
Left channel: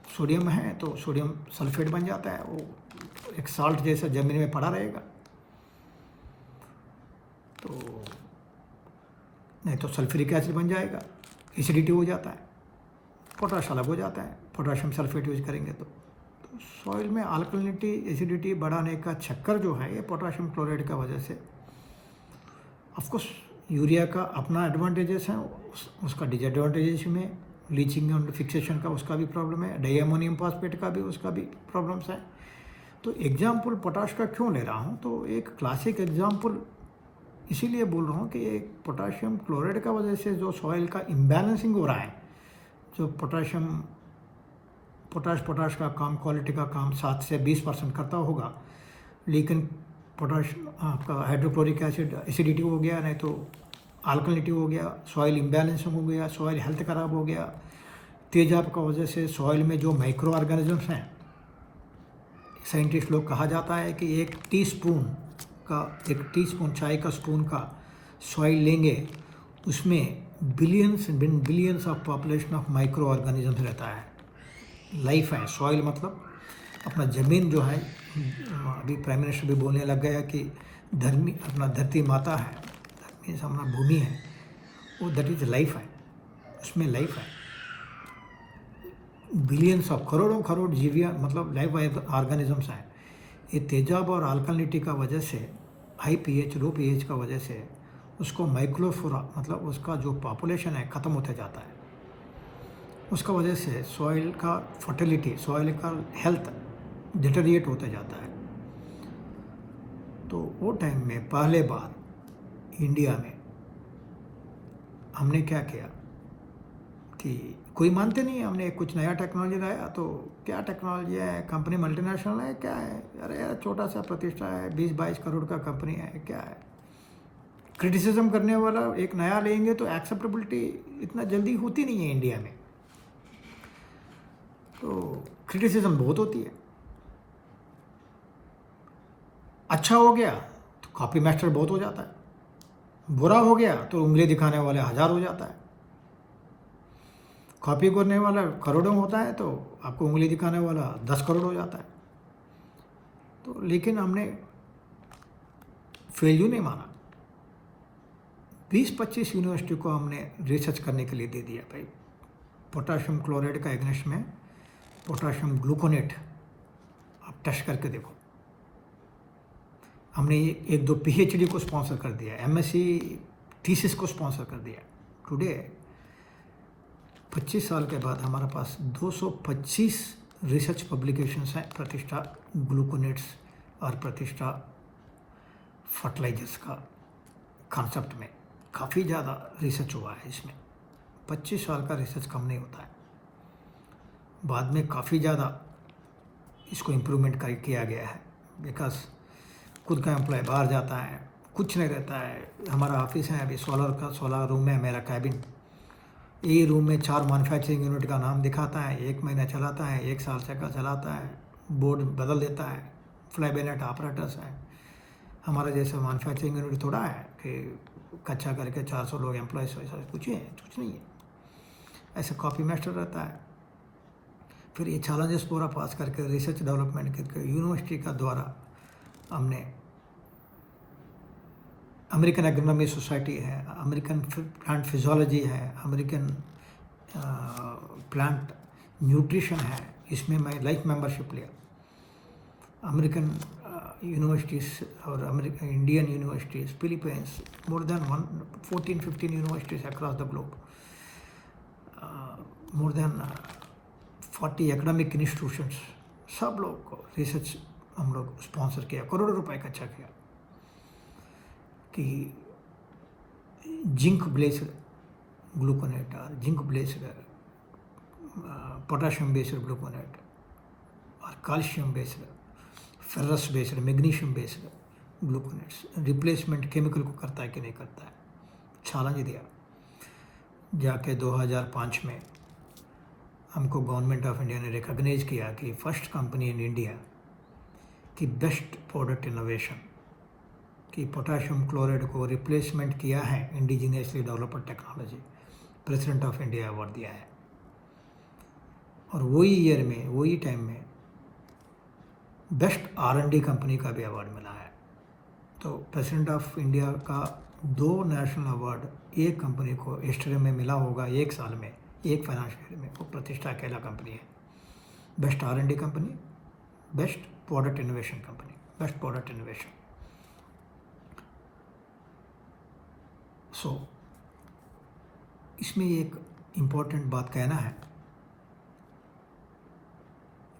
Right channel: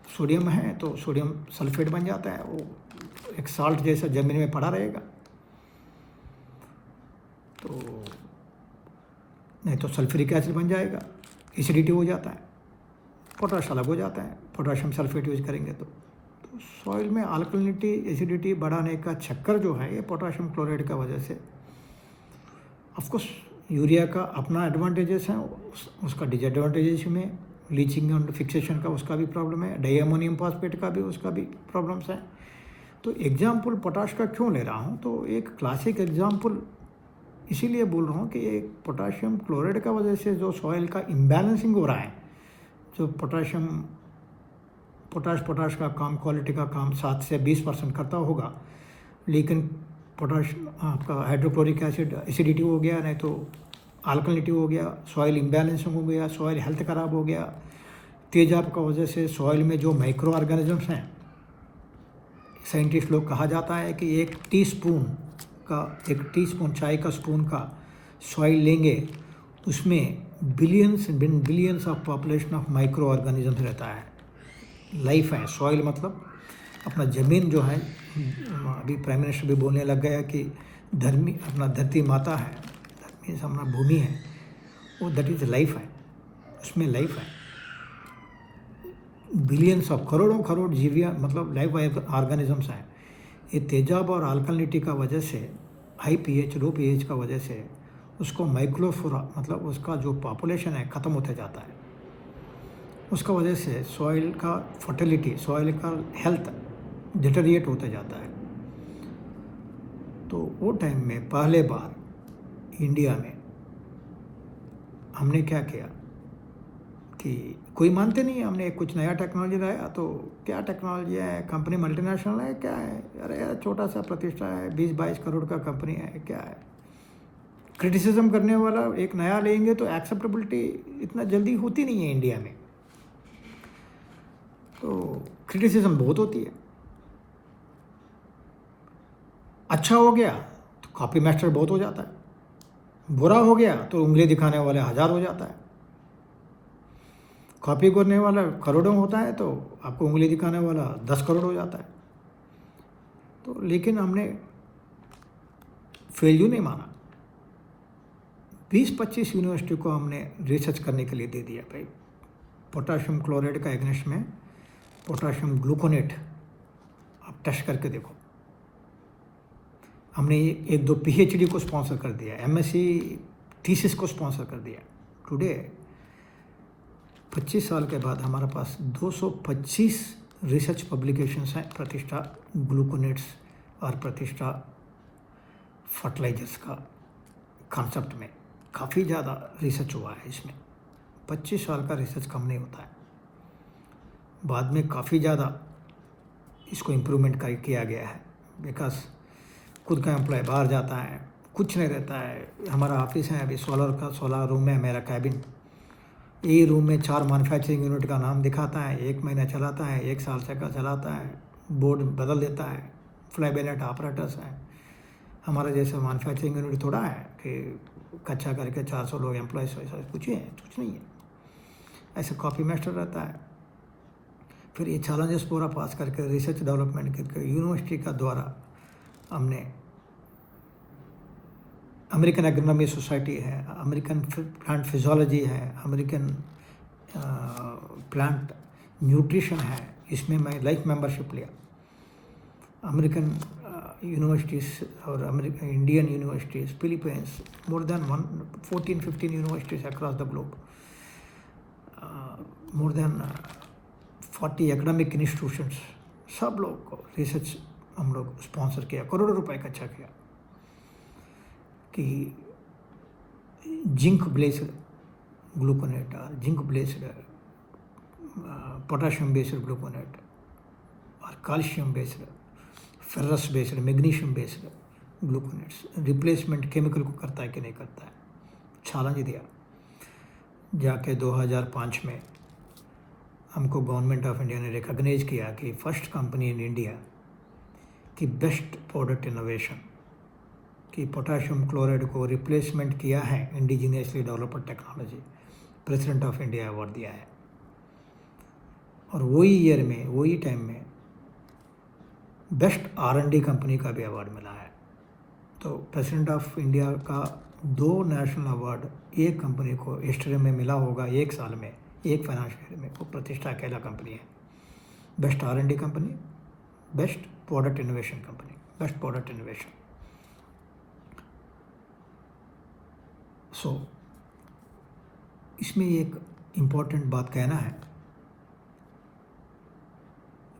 सोडियम है तो सोडियम सल्फेट बन जाता है, वो एक साल्ट जैसा ज़मीन में पड़ा रहेगा। तो नहीं तो सल्फ्यूरिक एसिड बन जाएगा, एसिडिटी हो जाता है, पोटाश अलग हो जाता है। पोटाशियम सल्फेट यूज करेंगे तो सॉइल में अल्कलिनिटी एसिडिटी बढ़ाने का चक्कर जो है ये पोटाशियम क्लोराइड का वजह से। ऑफकोर्स यूरिया का अपना एडवांटेजेस हैं, उसका डिसएडवांटेजेस में लीचिंग एंड फिक्सेशन का उसका भी प्रॉब्लम है, डाइअमोनियम फॉस्फेट का भी उसका भी प्रॉब्लम्स है। तो एग्जाम्पल पोटाश का क्यों ले रहा हूँ, तो एक क्लासिक एग्जाम्पल इसीलिए बोल रहा हूँ कि ये पोटाशियम क्लोराइड का वजह से जो सॉइल का इम्बैलेंसिंग हो रहा है, जो पोटाशियम पोटाश का काम, क्वालिटी का काम 7 से 20% करता होगा, लेकिन पोटाश आपका हाइड्रोक्लोरिक एसिड एसिडिटी हो गया, नहीं तो अल्कलिनिटी हो गया, सॉइल इम्बैलेंसिंग हो गया, सॉइल हेल्थ ख़राब हो गया, तेजाब का वजह से सॉइल में जो माइक्रो ऑर्गेनिजम्स हैं, साइंटिस्ट लोग कहा जाता है कि एक टीस्पून चाय का स्पून का सॉइल लेंगे, उसमें billions of population of micro organisms रहता है, लाइफ है। सॉइल मतलब अपना ज़मीन जो है, अभी प्राइम मिनिस्टर भी बोलने लग गया कि अपना धरती माता है, धरती अपना भूमि है, वो दैट इज़ लाइफ है, उसमें लाइफ है। बिलियंस ऑफ करोड़ जीवियाँ मतलब लाइफ ऑर्गेनिजम्स हैं। ये तेजाब और अल्कलिनिटी का वजह से, हाई पीएच लो पीएच का वजह से उसको माइक्रोफ्लोरा मतलब उसका जो पॉपुलेशन है ख़त्म होते जाता है। उसका वजह से सॉइल का फर्टिलिटी, सॉइल का हेल्थ डिटेरिएट होता जाता है। तो वो टाइम में पहले बार इंडिया में हमने क्या किया कि कोई मानते नहीं, हमने कुछ नया टेक्नोलॉजी लाया, तो क्या टेक्नोलॉजी है, कंपनी मल्टीनेशनल है क्या है, अरे यार छोटा सा प्रतिष्ठा है, 20-22 करोड़ का कंपनी है, क्या है। क्रिटिसिज्म करने वाला एक नया लेंगे तो एक्सेप्टेबिलिटी इतना जल्दी होती नहीं है इंडिया में, तो क्रिटिसिज्म बहुत होती है। अच्छा हो गया तो कॉपी मास्टर बहुत हो जाता है, बुरा हो गया तो उंगली दिखाने वाले 1000 हो जाता है। कॉपी करने वाला करोड़ों होता है तो आपको उंगली दिखाने वाला 10 करोड़ हो जाता है। तो लेकिन हमने फेल्यूर नहीं माना, 20-25 यूनिवर्सिटी को हमने रिसर्च करने के लिए दे दिया। भाई पोटाशियम क्लोराइड का एग्नेस्ट में पोटाशियम ग्लूकोनेट आप टेस्ट करके देखो। हमने 1-2 पीएचडी को स्पॉन्सर कर दिया, एमएससी थीसिस को स्पॉन्सर कर दिया। टुडे 25 साल के बाद हमारे पास 225 रिसर्च पब्लिकेशंस हैं प्रतिष्ठा ग्लूकोनेट्स और प्रतिष्ठा फर्टिलाइजर्स का कॉन्सेप्ट में। काफ़ी ज़्यादा रिसर्च हुआ है इसमें, 25 साल का रिसर्च कम नहीं होता है। बाद में काफ़ी ज़्यादा इसको इम्प्रूवमेंट किया गया है, बिकॉज खुद का एम्प्लॉय बाहर जाता है, कुछ नहीं रहता है। हमारा ऑफिस है अभी 16 रूम है मेरा कैबिन, ये रूम में 4 मैन्युफैक्चरिंग यूनिट का नाम दिखाता है, 1 महीना चलाता है, 1 साल से का चलाता है, बोर्ड बदल देता है, फ्लाई बेनेट ऑपरेटर्स हैं। हमारा जैसा मैन्युफैक्चरिंग यूनिट थोड़ा है कि कच्चा करके 400 लोग एम्प्लॉयज़, ऐसा कुछ नहीं है। ऐसा कॉपी मास्टर रहता है। फिर ये चैलेंजेस पूरा पास करके रिसर्च डेवलपमेंट करके यूनिवर्सिटी का द्वारा हमने अमेरिकन एग्रोनॉमी सोसाइटी है, अमेरिकन प्लांट फिजियोलॉजी है, अमेरिकन प्लांट न्यूट्रिशन है, इसमें मैं लाइफ मेंबरशिप लिया। अमेरिकन यूनिवर्सिटीज़ और American Indian universities, Philippines, more than 14-15 universities across the globe, more than 40 academic institutions, सब लोग को रिसर्च हम लोग स्पॉन्सर किया, करोड़ों रुपए खर्चा किया कि जिंक बेस्ड ग्लूकोनेट और zinc based potassium based gluconate और calcium based, ferrous based, magnesium based gluconates replacement chemical को करता है कि नहीं करता है। चैलेंज दिया जाके 2005 में हमको गवर्नमेंट ऑफ इंडिया ने रिकॉग्नाइज किया कि फर्स्ट कंपनी इन इंडिया की बेस्ट प्रोडक्ट इनोवेशन कि पोटाशियम क्लोराइड को रिप्लेसमेंट किया है indigenously developed technology, president of India award दिया है। और वही ईयर में, वही टाइम में बेस्ट R&D कंपनी का भी अवार्ड मिला है। तो प्रेसिडेंट ऑफ इंडिया का 2 नेशनल अवार्ड एक कंपनी को हिस्ट्री में मिला होगा, 1 साल में, 1 फाइनेंशियल ईयर में। वो प्रतिष्ठा अकेला कंपनी है, best R&D company, best product innovation company, best product innovation. So इसमें एक इम्पोर्टेंट बात कहना है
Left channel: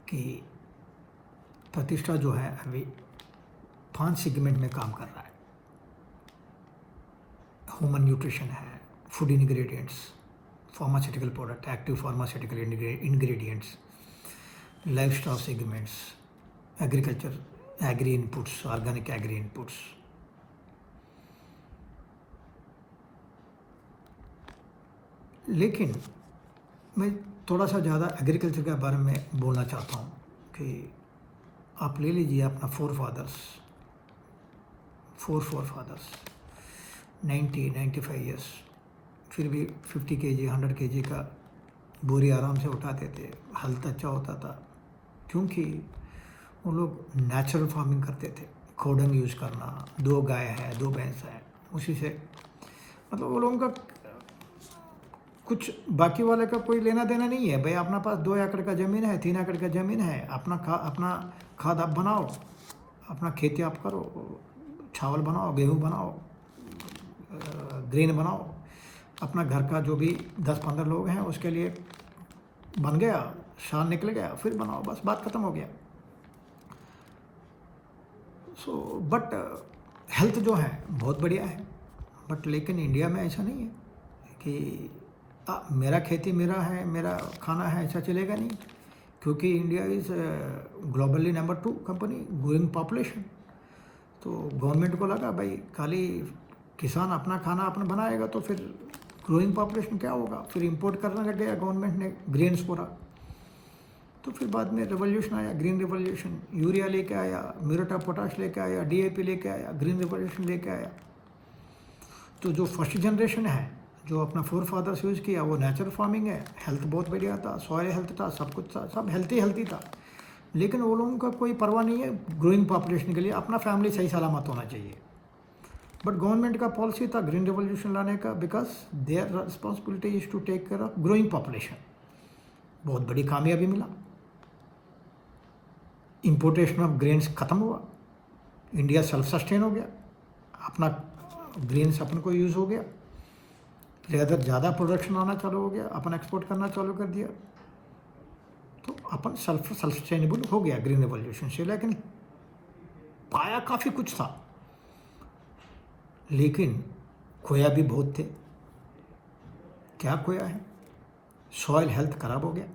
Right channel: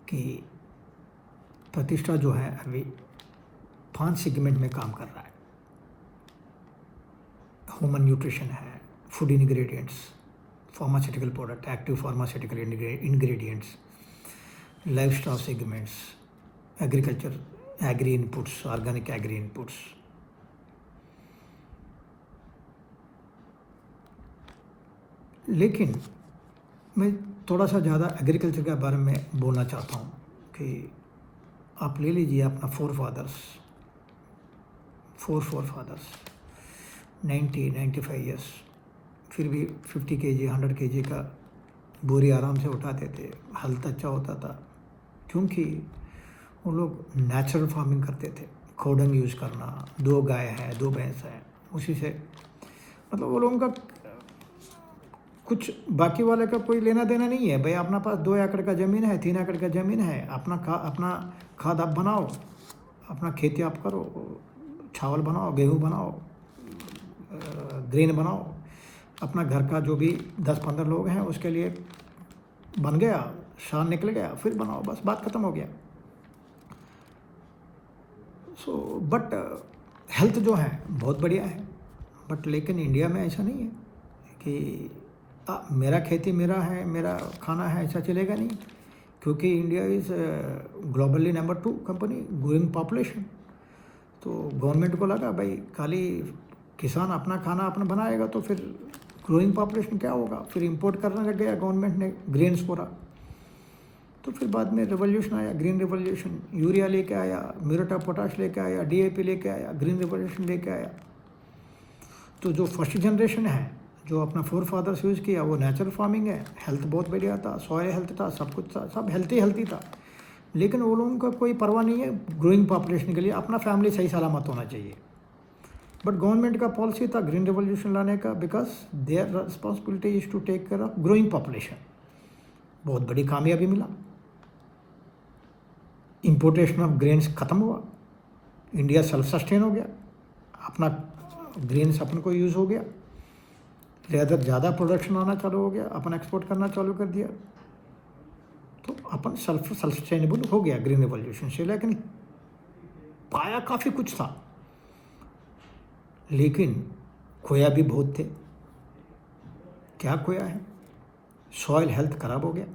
कि प्रतिष्ठा जो है अभी 5 सेगमेंट में काम कर रहा है। ह्यूमन न्यूट्रिशन है, food ingredients, pharmaceutical product, active pharmaceutical ingredients, lifestyle segments, agriculture, agri inputs, organic agri inputs. लेकिन मैं थोड़ा सा ज़्यादा एग्रीकल्चर के बारे में बोलना चाहता हूँ कि आप ले लीजिए अपना फोर फादर्स 90-95 ईयर्स, फिर भी 50 kg 100 kg का बोरी आराम से उठाते थे, हेल्थ अच्छा होता था, क्योंकि वो लोग नेचुरल फार्मिंग करते थे। खोडंग यूज़ करना, 2 गाय है 2 भैंस है, उसी से मतलब वो लोगों का कुछ बाकी वाले का कोई लेना देना नहीं है। भाई अपना पास 2 एकड़ का ज़मीन है, 3 एकड़ का ज़मीन है, अपना खाद आप बनाओ, अपना खेती आप करो, चावल बनाओ, गेहूँ बनाओ, ग्रेन बनाओ, अपना घर का जो भी 10-15 लोग हैं उसके लिए बन गया, शान निकल गया, फिर बनाओ, बस बात ख़त्म हो गया। सो बट हेल्थ जो है बहुत बढ़िया है, बट लेकिन इंडिया में ऐसा नहीं है कि मेरा खेती मेरा है, मेरा खाना है, ऐसा चलेगा नहीं, क्योंकि India is globally number 2 company, growing population. तो गवर्नमेंट को लगा भाई खाली किसान अपना खाना अपना बनाएगा तो फिर ग्रोइंग पॉपुलेशन क्या होगा, फिर इंपोर्ट करने लग गया गवर्नमेंट ने ग्रेन्स पूरा। तो फिर बाद में रिवोल्यूशन आया, ग्रीन रिवोल्यूशन, यूरिया लेके आया, म्यूरेट ऑफ पोटाश लेके आया, DAP लेके आया, ग्रीन रिवोल्यूशन लेके आया। तो जो फर्स्ट जनरेशन है जो अपना फोर फादर्स यूज़ किया वो नेचुरल फार्मिंग है, हेल्थ बहुत बढ़िया था, सॉयल हेल्थ था, सब कुछ था, सब हेल्थी था। लेकिन वो लोगों का कोई परवाह नहीं है ग्रोइंग पॉपुलेशन के लिए, अपना फैमिली सही सलामत होना चाहिए। बट गवर्नमेंट का पॉलिसी था ग्रीन रिवोल्यूशन लाने का, because their responsibility is to take care of growing population. बहुत बड़ी कामयाबी मिला, इंपोर्टेशन ऑफ ग्रेन्स ख़त्म हुआ, इंडिया सेल्फ सस्टेन हो गया, अपना ग्रेन्स अपन को यूज़ हो गया, ज़्यादा प्रोडक्शन आना चालू हो गया, अपन एक्सपोर्ट करना चालू कर दिया, तो अपन सेल्फ सस्टेनेबल हो गया ग्रीन रिवोल्यूशन से। लेकिन पाया काफ़ी कुछ था, लेकिन खोया भी बहुत थे। क्या खोया है? सॉइल हेल्थ खराब हो गया।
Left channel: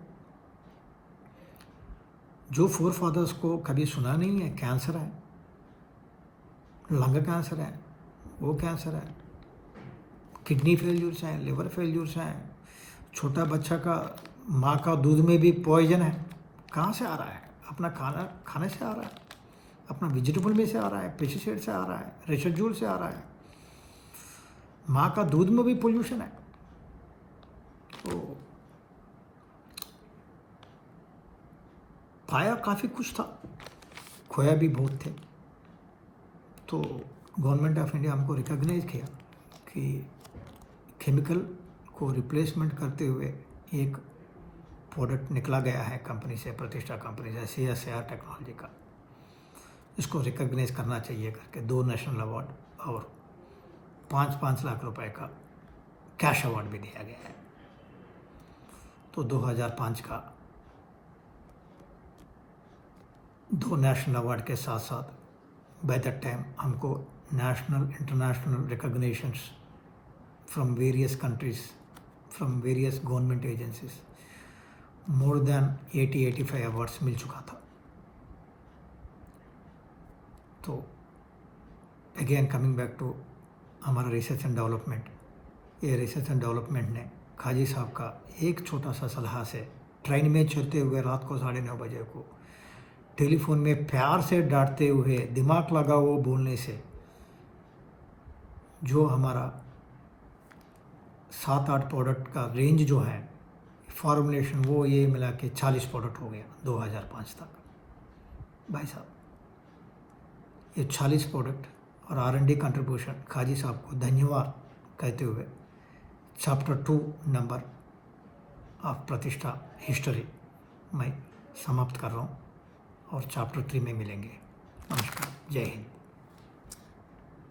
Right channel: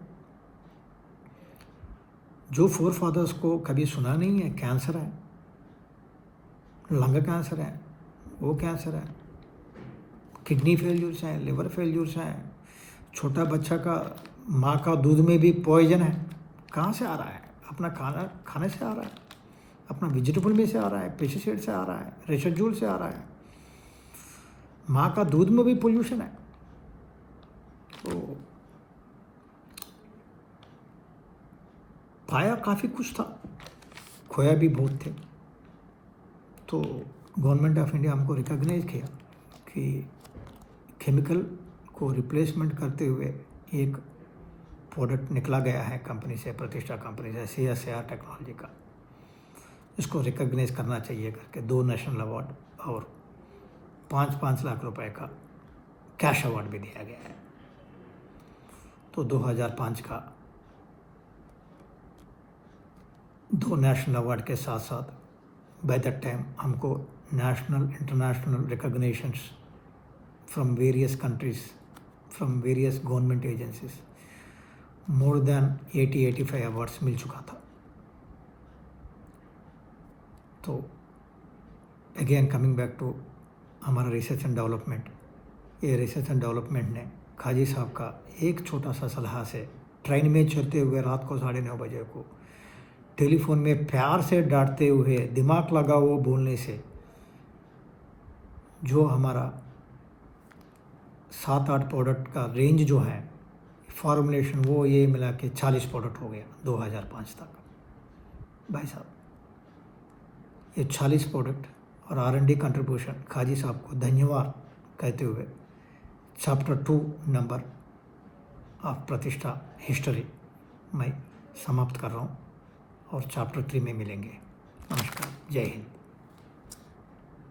जो फोर फादर्स को कभी सुना नहीं है, कैंसर है, लंग कैंसर है, वो कैंसर है, किडनी फेल्यूर्स हैं, लिवर फेल्यूर्स हैं, छोटा बच्चा का माँ का दूध में भी पॉइजन है। कहाँ से आ रहा है? अपना खाने से आ रहा है, अपना वेजिटेबल में से आ रहा है, पेस्टिसाइड से आ रहा है, रेसिड्यूल से आ रहा है, माँ का दूध में भी पोल्यूशन है। तो पाया काफ़ी कुछ था, खोया भी बहुत थे। तो गवर्नमेंट ऑफ इंडिया हमको रिकॉग्नाइज किया कि केमिकल को रिप्लेसमेंट करते हुए एक प्रोडक्ट निकला गया है कंपनी से, प्रतिष्ठा कंपनी से, CSIR टेक्नोलॉजी का, इसको रिकॉग्नाइज करना चाहिए करके 2 नेशनल अवार्ड और 5-5 लाख रुपए का कैश अवार्ड भी दिया गया है। तो 2005 का 2 नेशनल अवार्ड के साथ साथ बाय दैट टाइम हमको national international recognitions from various countries, from various government agencies, more than 80-85 awards मिल चुका था। तो अगेन कमिंग बैक टू हमारा रिसर्च एंड डेवलपमेंट, ये रिसर्च एंड डेवलपमेंट ने खाजी साहब का एक छोटा सा सलाह से ट्रेन में चलते हुए रात को 9:30 बजे को टेलीफोन में प्यार से डांटते हुए, दिमाग लगा वो बोलने से, जो हमारा 7-8 प्रोडक्ट का रेंज जो है फॉर्मुलेशन, वो ये मिला के 40 प्रोडक्ट हो गया 2005 तक। भाई साहब, ये 40 प्रोडक्ट और R&D कंट्रीब्यूशन खाजी साहब को धन्यवाद कहते हुए चैप्टर 2 नंबर ऑफ प्रतिष्ठा हिस्ट्री मैं समाप्त कर रहा हूँ, और चैप्टर 3 में मिलेंगे। नमस्कार, जय हिंद।